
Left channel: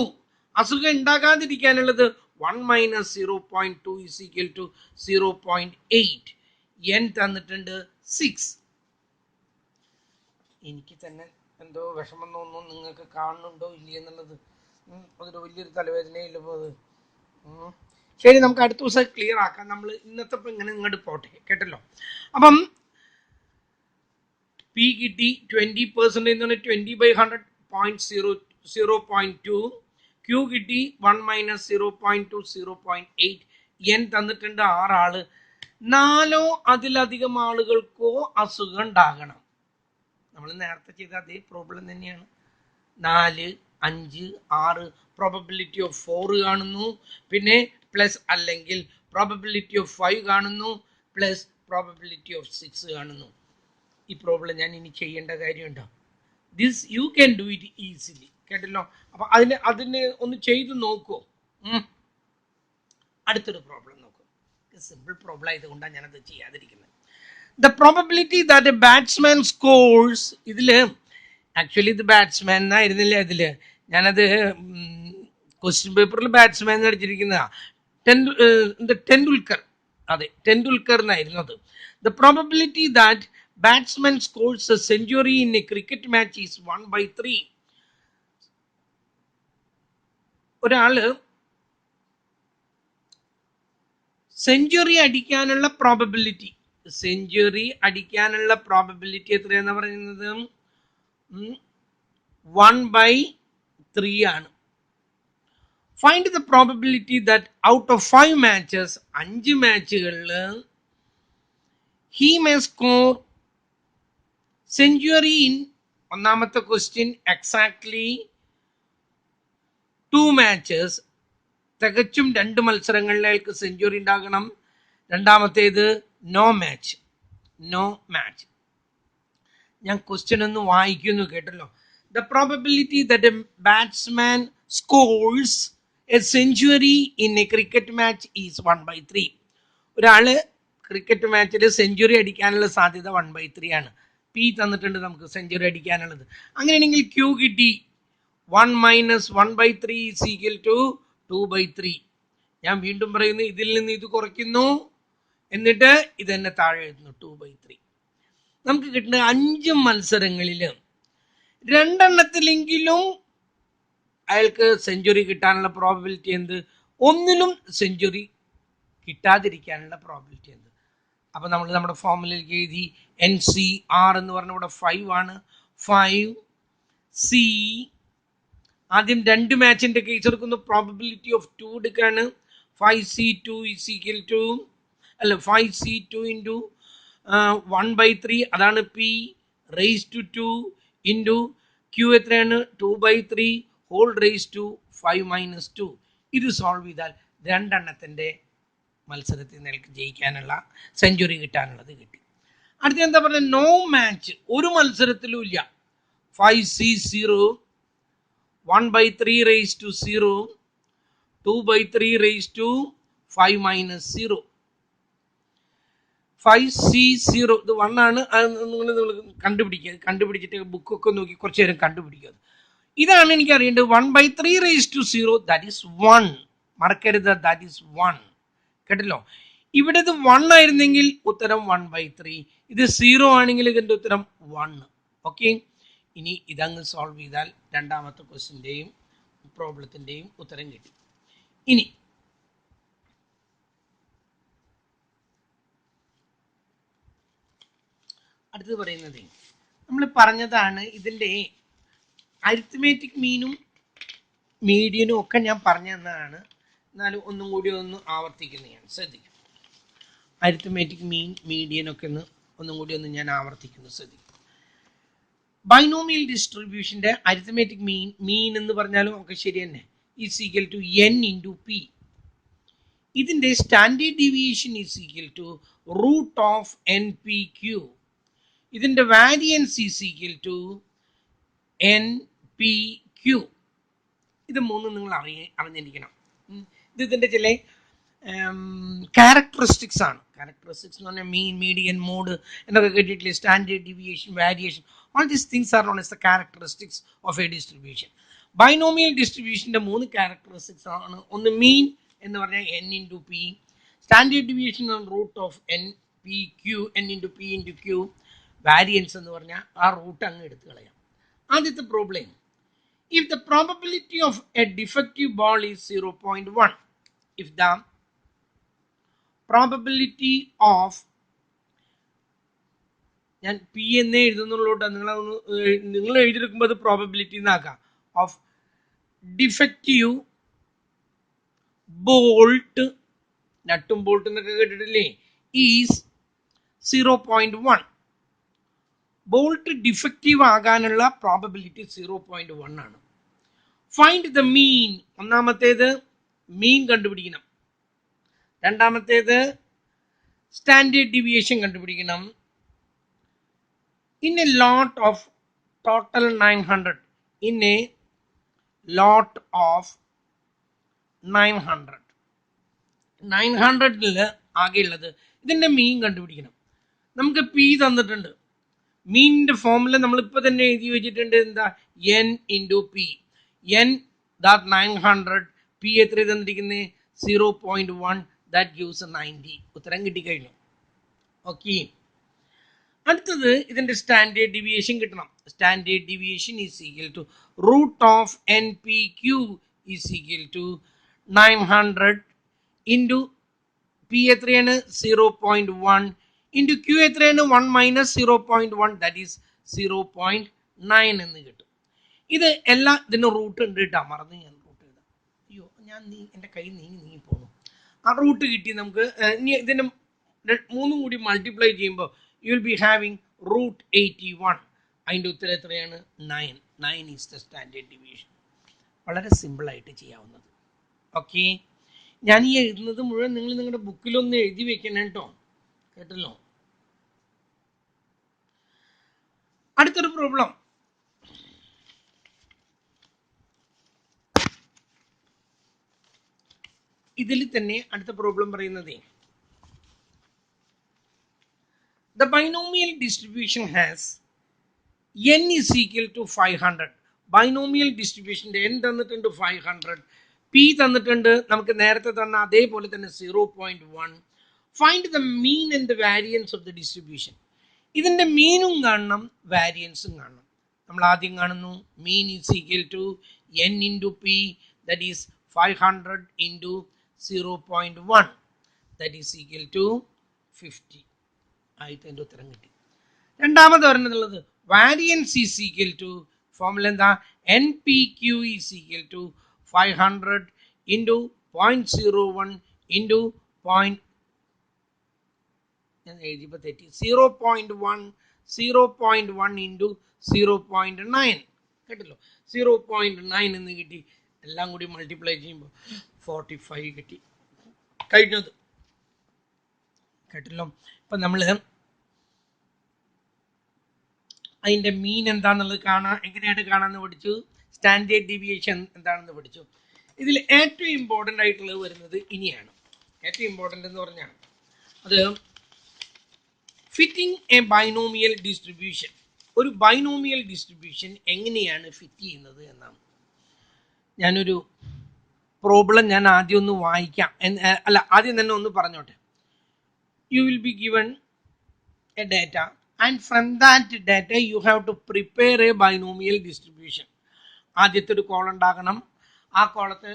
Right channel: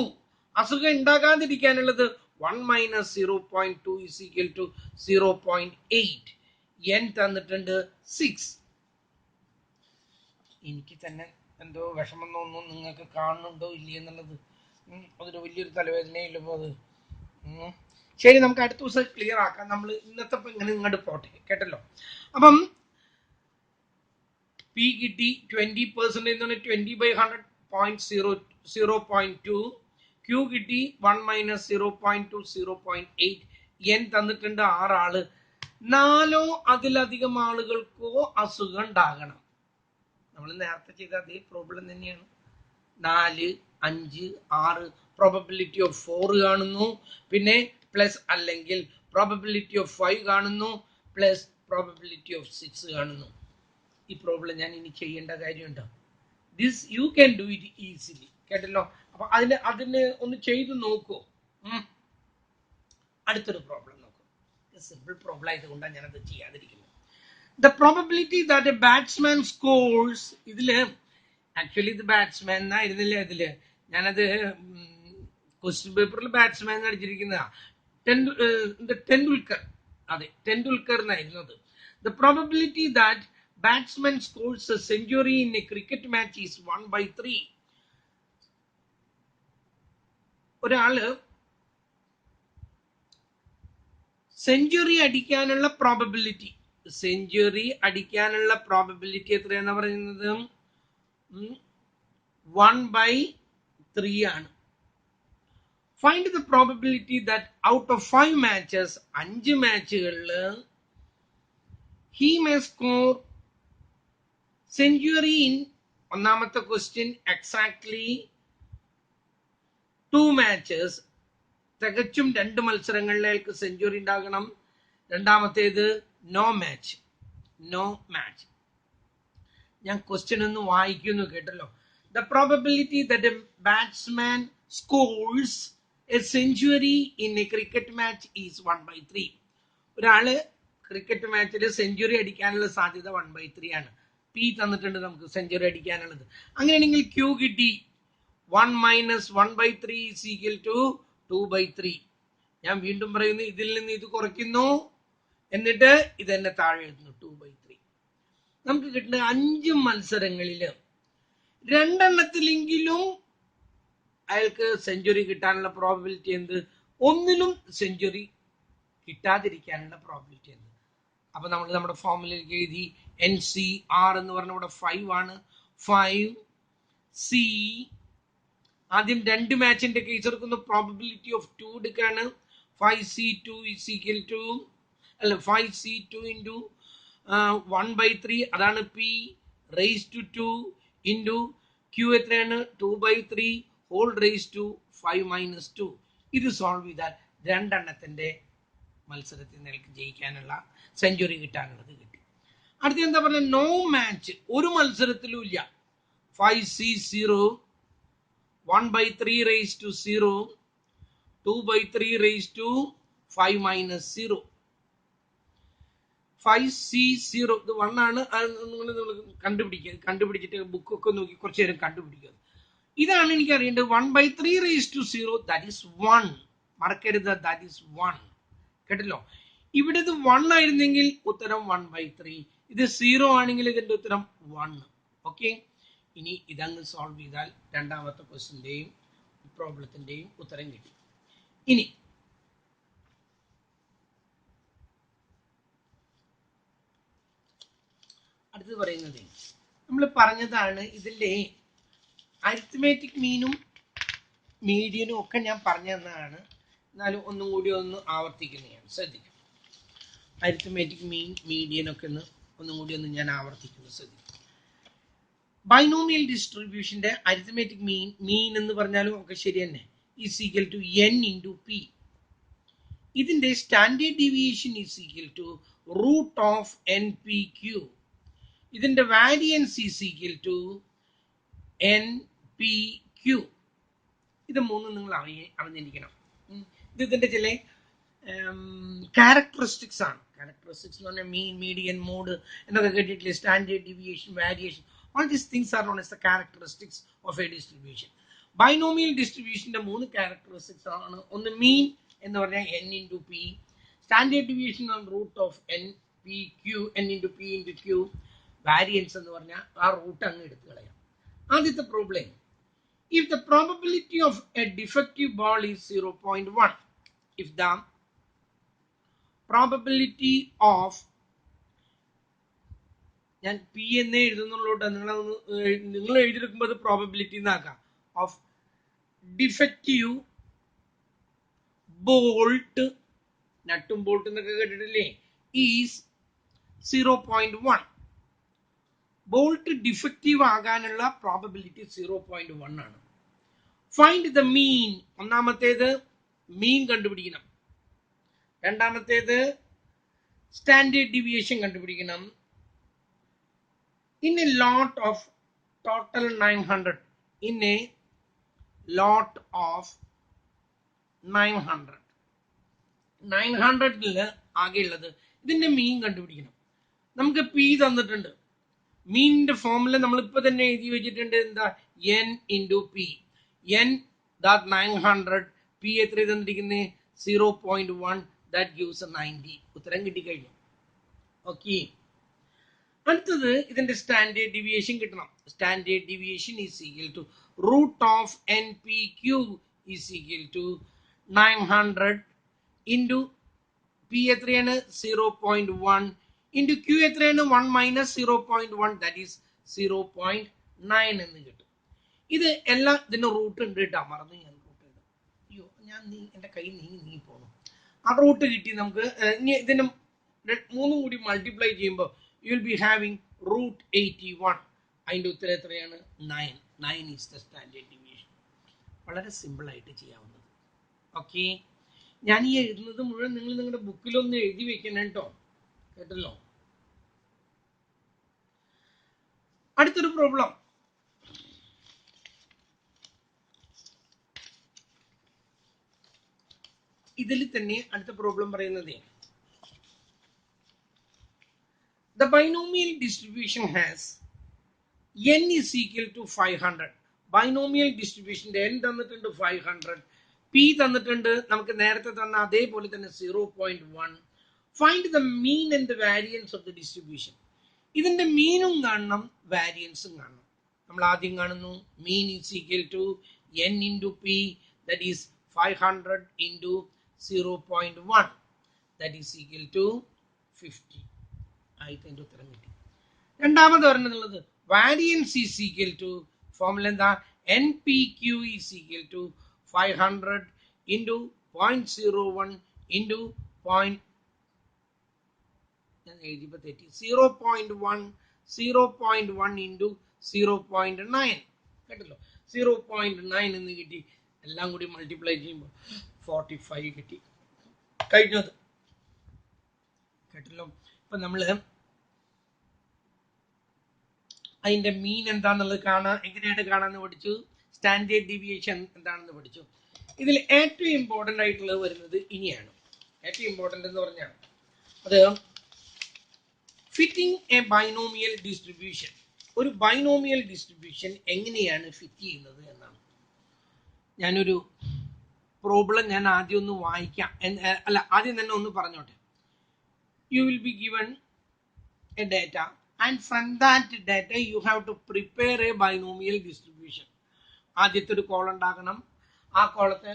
അസുഖം ഉണ്ടാകാതിരിക്കാനുള്ളത് 1 - 0.2 ഈസ് ഈക്വൽ ടു 0.8. എൻ തന്നിട്ടുണ്ട് 6. എനിക്ക് തന്നെ എന്തോ വിഷമം തോന്നുന്നു, നിങ്ങൾക്ക് കാണുന്നുണ്ടോ ഇല്ല എന്നുള്ളത്. അതൊരു വലിയൊരു തലവേദനയില്ല അത്. ശരി, നമുക്ക് അടുത്ത ദിവസം ക്ലിയർ ആക്കാം. നമ്മൾ ഇന്നത്തെ ഇങ്ങനെ ഇങ്ങോട്ട് പോട്ടെ, കേട്ടല്ലോ. അപ്പം പി കിട്ടി 20% 20/100 0.2. ക്യൂ കിട്ടി 1 - 0.2 0.8. എൻ തന്നിട്ടുണ്ട് 6 ആള്. 4 അതിലധികം ആളുകൾക്കോ അസുഖം ഉണ്ടാകണം. നമ്മൾ നേരത്തെ ചെയ്ത അതേ പ്രോബ്ലം തന്നെയാണ്. 4, 5, 6 പ്രോബബിലിറ്റി ഓഫ് 4 കാണുന്നു, പിന്നെ പ്ലസ് അല്ലെങ്കിൽ പ്രോബബിലിറ്റി ഓഫ് 5 കാണുന്നു, പ്ലസ് പ്രോബബിലിറ്റി ഓഫ് 6 കാണുന്നു. ഈ പ്രോബ്ലം ഞാൻ ഇനി ചെയ്യേണ്ട കാര്യമുണ്ടോ? This you can do it easily, കേട്ടല്ലോ. അപ്പൊ അതിന് ഒന്ന് ചെയ്ത് നോക്കൂ. അടുത്തൊരു പ്രോബ്ലം നോക്കൂ. സിമ്പിൾ പ്രോബ്ലം ആയതുകൊണ്ടാണ് ഞാനത് ചെയ്യാതിരിക്കുന്നത്. The probability that a batsman scores, ഇതില് ആക്ച്വലി ഇത് ബാറ്റ്സ്മാൻ എന്നായിരുന്നില്ല. ഇതില് ഞാനത് ക്വസ്റ്റ്യൻ പേപ്പറിൽ ബാറ്റ്സ്മാൻ അടിച്ചിരിക്കുന്നതാ. ടെണ്ടുൽക്കർ, അതെ ടെണ്ടുൽക്കർ എന്നായിരുന്നു അത്. The probability that batsman scores a century in a cricket match is 1/3. ഒരാള് സെഞ്ചുറി അടിക്കാനുള്ള പ്രോബബിലിറ്റി എത്രയാണെന്ന് പറയുന്നത് 1/3 ആണ്. Find the probability that out of 5 matches 5 മാച്ചുകളിൽ he may score century in, ഒന്നാമത്തെ ക്വസ്റ്റ്യൻ എക്സാക്ട്ലി 2 matches, തികച്ചും 2 മത്സരങ്ങളിൽ അയാൾക്ക് സെഞ്ചുറി ഉണ്ടാകണം. രണ്ടാമത്തേത് നോ മാച്ച്. ഞാൻ ക്വസ്റ്റ്യൻ ഒന്ന് വായിക്കുന്നു, കേട്ടല്ലോ. The probability that A batsman scores A century in A cricket match is 1/3. ഒരാള് ക്രിക്കറ്റ് മാച്ചിൽ സെഞ്ചുറി അടിക്കാനുള്ള സാധ്യത 1/3 ആണ്. പി തന്നിട്ടുണ്ട് നമുക്ക് സെഞ്ചുറി അടിക്കാനുള്ളത്. അങ്ങനെയാണെങ്കിൽ ക്യൂ കിട്ടി 1 - 1/3 ഈസ് ഈക്വൽ ടു 2/3. ഞാൻ വീണ്ടും പറയുന്നു, ഇതിൽ നിന്ന് ഇത് കുറയ്ക്കുന്നു, എന്നിട്ട് ഇത് തന്നെ താഴെ എഴുതുന്നു 2/3. നമുക്ക് കിട്ടുന്ന 5 മത്സരങ്ങളിൽ 2 അയാൾക്ക് സെഞ്ചുറി കിട്ടാനുള്ള പ്രോബബിലിറ്റി എന്ത്? 1 സെഞ്ചുറി കിട്ടാതിരിക്കാനുള്ള പ്രോബബിലിറ്റി എന്ത്? അപ്പൊ നമ്മൾ നമ്മുടെ ഫോർമുലയിലേക്ക് എഴുതി NCR എന്ന് പറഞ്ഞ ഇവിടെ 5 ആണ്. 5C ആദ്യം 2 മാച്ചിന്റെ കേസ് എടുക്കുന്നു. പ്രോബബിലിറ്റി ഓഫ് 2 എടുക്കാണ്. 5C2 is equal to 5C2 into 1/3, അതാണ് P raise to 2 into Q എത്രയാണ് 2/3 ഹോൾ റേസ് ടു 5 - 2. ഇത് സോൾവ് ചെയ്താൽ 2 മത്സരത്തിൽ നിനക്ക് ജയിക്കാനുള്ള സെഞ്ചുറി കിട്ടാനുള്ളത് കിട്ടി. അടുത്ത എന്താ പറയുക? നോ മാച്ച്, ഒരു മത്സരത്തിലും ഇല്ല. 5C0 1/3 raise to 0 2/3 raise to 5 - 0. 5C0 ഇത് 1 ആണ്. നിങ്ങൾ കണ്ടുപിടിച്ചിട്ട് ബുക്കൊക്കെ നോക്കി കുറച്ച് നേരം കണ്ടുപിടിക്കുക. ഇതാണ് എനിക്ക് അറിയേണ്ടത്. 1/3 റേസ് ടു 0 ദാറ്റ് ഈസ് 1. മറക്കരുത്, ദാറ്റ് ഈസ് 1. കേട്ടല്ലോ. ഇവിടെ ഇത് 1 ആയിരുന്നെങ്കിൽ ഉത്തരം 1/3. ഇത് 0 ആണെങ്കിൽ ഇതിന്റെ ഉത്തരം 1. ഓക്കെ, ഇനി ഇതങ്ങ് സോൾവ് ചെയ്താൽ രണ്ടാമത്തെ ക്വസ്റ്റിന്റെയും പ്രോബ്ലത്തിന്റെയും ഉത്തരം കിട്ടി. ഇനി അടുത്തത് പറയുന്നത് നമ്മൾ പറഞ്ഞതാണ്, ഇതിന്റെ അരിത്മെറ്റിക് മീനും മീഡിയനും ഒക്കെ ഞാൻ പറഞ്ഞു തന്നതാണ്. എന്നാലും ഒന്നും കൂടി ഒന്ന് ആവർത്തിക്കുന്നതാണ്, ശ്രദ്ധിക്കും. അരിത്മെറ്റിക് മീൻ മീഡിയനൊക്കെ ഒന്നും കൂടി ഞാൻ ആവർത്തിക്കുന്നു, ശ്രദ്ധിക്കും. ബൈനോമിയൽ ഡിസ്ട്രിബ്യൂഷന്റെ അരിത്മെറ്റിക് മീൻ എന്ന് പറഞ്ഞാലും ഒക്കെ ശരി തന്നെ, is equal to N into P. ഇതിന്റെ standard deviation is equal to root of NPQ. ഇതിന്റെ variance is equal to N P Q. ഇത് മൂന്നും നിങ്ങൾ അറിഞ്ഞിരിക്കണം. ഇത് ഇതിന്റെ ചില ക്യാരക്ടറിസ്റ്റിക്സ് ആണ്. ക്യാരക്ടറിസ്റ്റിക്സ് എന്ന് പറഞ്ഞാൽ മീൻ, മീഡിയൻ, മോഡ് എന്നൊക്കെ കേട്ടിട്ടില്ലേ? Standard deviation, variation, all these things are known as the characteristics of a distribution. Binomial ഡിസ്ട്രിബ്യൂഷന്റെ 3 ക്യാരക്ടറിസ്റ്റിക്സ് ആണ്. ഒന്ന് മീൻ എന്ന് പറഞ്ഞാൽ n into p, standard deviation root of N P q, n into p into q, variance എന്ന് പറഞ്ഞാൽ ആ root അങ്ങ് എടുത്തു കളയാം. ആദ്യത്തെ problem, if the probability of a defective ball is 0.1, if the probability of, ഞാൻ പി എന്നേ എഴുതുന്നുള്ളൂട്ടോ, നിങ്ങൾ എഴുതിയെടുക്കുമ്പോൾ അത് പ്രോബബിലിറ്റി എന്നാക്കാം, ഓഫ് ഡിഫക്റ്റീവ് ബോൾട്ട്, നട്ടും ബോൾട്ട് എന്നൊക്കെ കേട്ടിട്ടില്ലേ, ഈസ് 0.1. ബോൾട്ട് ഡിഫക്റ്റീവ് ആകാനുള്ള പ്രോബബിലിറ്റി 0.1 ആണ്. ഫൈൻഡ് ദ മീൻ. ഒന്നാമത്തേത് മീൻ കണ്ടുപിടിക്കണം. രണ്ടാമത്തേത് സ്റ്റാൻഡേർഡ് ഡീവിയേഷൻ കണ്ടുപിടിക്കണം. In a lot of total 900, in a lot of 900, 900 ആകെയുള്ളത് ഇതിന്റെ മീൻ കണ്ടുപിടിക്കണം. നമുക്ക് പി തന്നിട്ടുണ്ട്. മീനിന്റെ ഫോമുല നമ്മളിപ്പോൾ തന്നെ എഴുതി വെച്ചിട്ടുണ്ട്. എന്താ? N into P. N that 900, P എത്ര തന്നിരിക്കുന്നത്? 0.1, ദാറ്റ് ഗിവ്സ് 90. ഉത്തരം കിട്ടിക്കഴിഞ്ഞു. ഓക്കെ, അടുത്തത് ഇതിന്റെ സ്റ്റാൻഡേർഡ് ഡീവിയേഷൻ കിട്ടണം. Standard deviation is equal to root of N P Q is equal to 900 into P എത്രയാണ്? 0.1 ഇൻറ്റു ക്യു എത്രയാണ്? 1 മൈനസ് 0.1, ദാറ്റ് ഈസ് 0.9 എന്ന് കിട്ടും. ഇത് എല്ലാം ഇതിന് റൂട്ട് ഉണ്ട് കേട്ടോ, മറന്നു ഞാൻ റൂട്ട് ചെയ്ത്. അയ്യോ, ഞാൻ എൻ്റെ കൈ നീങ്ങി പോകുന്നു. ആ റൂട്ട് കിട്ടി നമുക്ക്. ഇനി ഇതിന് 3 കൂടി മൾട്ടിപ്ലൈ ചെയ്യുമ്പോൾ you will be having root 81. അതിൻ്റെ ഉത്തരം എത്രയാണ്? 9. 9 ഈസ് ദ സ്റ്റാൻഡേർഡ് ഡീവിയേഷൻ. വളരെ സിമ്പിളായിട്ട് ചെയ്യാവുന്നത്. ഓക്കെ, ഞാൻ ഈ എഴുതുന്നത് മുഴുവൻ നിങ്ങൾ നിങ്ങളുടെ ബുക്കിലൊന്ന് എഴുതി വെക്കണം കേട്ടോ, കേട്ടല്ലോ. അടുത്തൊരു പ്രോബ്ലം, ഇതിൽ തന്നെ അടുത്ത പ്രോബ്ലം പറയുന്നത്, the binomial distribution has n is equal to 500. Binomial ഡിസ്ട്രിബ്യൂഷന്റെ n തന്നിട്ടുണ്ട് 500, p തന്നിട്ടുണ്ട് നമുക്ക് നേരത്തെ തന്ന അതേപോലെ തന്നെ 0.1. Find the mean and the variance of the distribution. ഇതിന്റെ മീനും കാണണം, വാരിയൻസും കാണണം. നമ്മൾ ആദ്യം കാണുന്നു mean is equal to n into p, that is 500 into 0.1, that is equal to 50. ആയിട്ട് എൻ്റെ ഉത്തരം കിട്ടി. രണ്ടാമത് പറഞ്ഞിട്ടുള്ളത് variance is equal to, formula എന്താ? N P Q is equal to 500 into 0.01 into ഞാൻ എഴുതിയപ്പോൾ തെറ്റി 0.1 ഇൻറ്റു 0.9 കേട്ടല്ലോ. 0.9 എന്ന് കിട്ടി. എല്ലാം കൂടി മൾട്ടിപ്ലൈ ചെയ്യുമ്പോൾ 45 കിട്ടി. കഴിഞ്ഞത് കേട്ടല്ലോ. ഇപ്പം നമ്മൾ അതിൻ്റെ മീൻ എന്താണെന്നുള്ളത് കാണാൻ എങ്ങനെയായിട്ട് കാണാമെന്ന് പഠിച്ചു. സ്റ്റാൻഡേർഡ് ഡീവിയേഷൻ എന്താണെന്ന് പഠിച്ചു. ഇതിൽ ഏറ്റവും ഇമ്പോർട്ടൻ്റ് ആയിട്ടുള്ളത് വരുന്നത് ഇനിയാണ്. ഏറ്റവും ഇമ്പോർട്ടൻ്റ് എന്ന് പറഞ്ഞാൽ അത് ഫിറ്റിംഗ് എ ബൈനോമിയൽ ഡിസ്ട്രിബ്യൂഷൻ. ഒരു ബൈനോമിയൽ ഡിസ്ട്രിബ്യൂഷൻ എങ്ങനെയാണ് ഫിറ്റ് ചെയ്യുന്നത് എന്നാണ്. ഞാനൊരു പ്രോബ്ലം ഞാൻ ആദ്യം ഒന്ന് വായിക്കാം. അല്ല, ആദ്യം തന്നെ ഒന്ന് പറഞ്ഞോട്ടെ. You will be given a data and from that data you have to prepare a binomial distribution. ആദ്യത്തെ ഒരു കോളം ഉണ്ടാക്കണം. ആ കോളത്തിൽ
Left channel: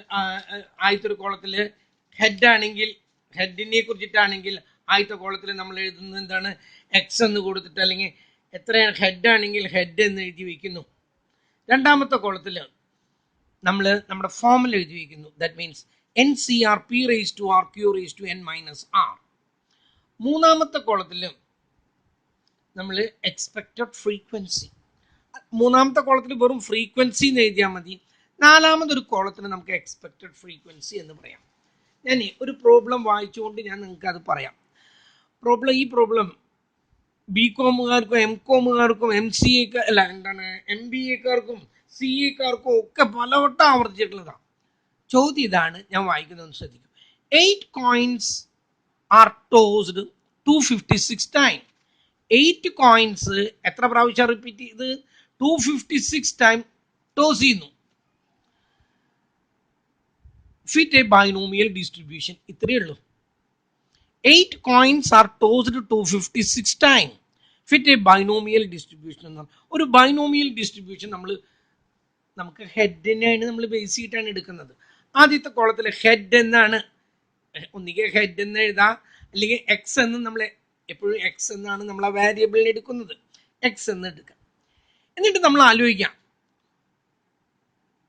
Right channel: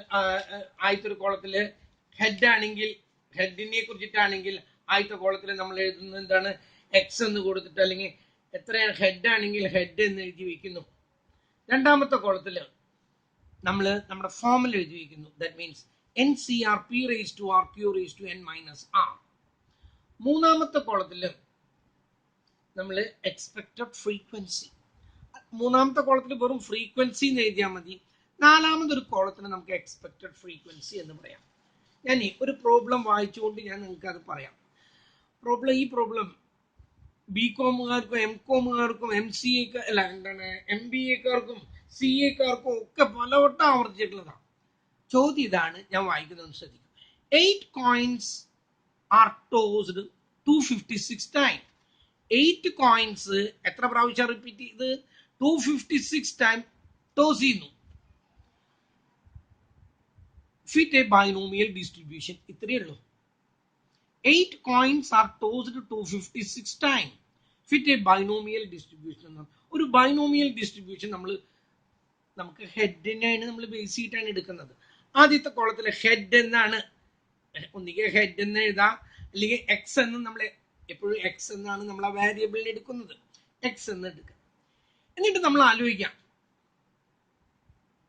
ആദ്യത്തെ ഒരു കോളത്തിൽ ഹെഡ് ആണെങ്കിൽ ഹെഡിനെ കുറിച്ചിട്ടാണെങ്കിൽ ആദ്യത്തെ കോളത്തിൽ നമ്മൾ എഴുതുന്നത് എന്താണ്? എക്സ് എന്ന് കൊടുത്തിട്ട്, അല്ലെങ്കിൽ എത്രയാണ് ഹെഡ് ആണെങ്കിൽ ഹെഡ് എന്ന് എഴുതി വയ്ക്കുന്നു. രണ്ടാമത്തെ കോളത്തിൽ നമ്മൾ നമ്മുടെ ഫോമിൽ എഴുതി വയ്ക്കുന്നു. That means NCR P raised to R Q raised to n minus R. മൂന്നാമത്തെ കോളത്തിൽ നമ്മൾ എക്സ്പെക്റ്റഡ് ഫ്രീക്വൻസി. മൂന്നാമത്തെ കോളത്തിൽ വെറും ഫ്രീക്വൻസി എന്ന് എഴുതിയാൽ മതി. നാലാമതൊരു കോളത്തിന് നമുക്ക് എക്സ്പെക്റ്റഡ് ഫ്രീക്വൻസി എന്ന് പറയാം. ഞാൻ ഒരു പ്രോബ്ലം വായിച്ചുകൊണ്ട് ഞാൻ നിങ്ങൾക്ക് അത് പറയാം. ഈ പ്രോബ്ലം ബികോമുകാർക്കും MCOമുകാർക്കും MCA അല്ല എന്താണ് MBAക്കാർക്കും CA-ക്കാർക്കും ഒക്കെ പലവട്ടം ആവർത്തിച്ചിട്ടുള്ളതാണ്. ചോദ്യം ഇതാണ്, ഞാൻ വായിക്കുന്നത് ശ്രദ്ധിക്കും. 8 coins R tossed 256 time. 8 coins എത്ര പ്രാവശ്യം റിപ്പീറ്റ് ചെയ്ത്? 256 ടൈം ടോസ് ചെയ്യുന്നു. Fit A binomial distribution. ഇത്രയേ ഉള്ളൂ. 8 coins are tossed 256 times. Fit a binomial distribution. ഒരു ബൈനോമിയൽ ഡിസ്ട്രിബ്യൂഷൻ നമുക്ക് ഹെഡിനെയാണ് നമ്മൾ ബേസ് ചെയ്തിട്ടാണ് എടുക്കുന്നത്. ആദ്യത്തെ കോളത്തിൽ ഹെഡ് എന്നാണ്, ഒന്നിಗೆ ഹെഡ് എന്ന് എഴുതാം, അല്ലെങ്കിൽ എക്സ് എന്ന് നമ്മൾ എപ്പോഴും എക്സ് എന്നാണ് നമ്മൾ ആ വേരിയബിളിനെ എടുക്കുന്നത്, എക്സ് എന്ന് എടുക്കാം. എന്നിട്ട് നമ്മൾ ആലോചിക്കാം,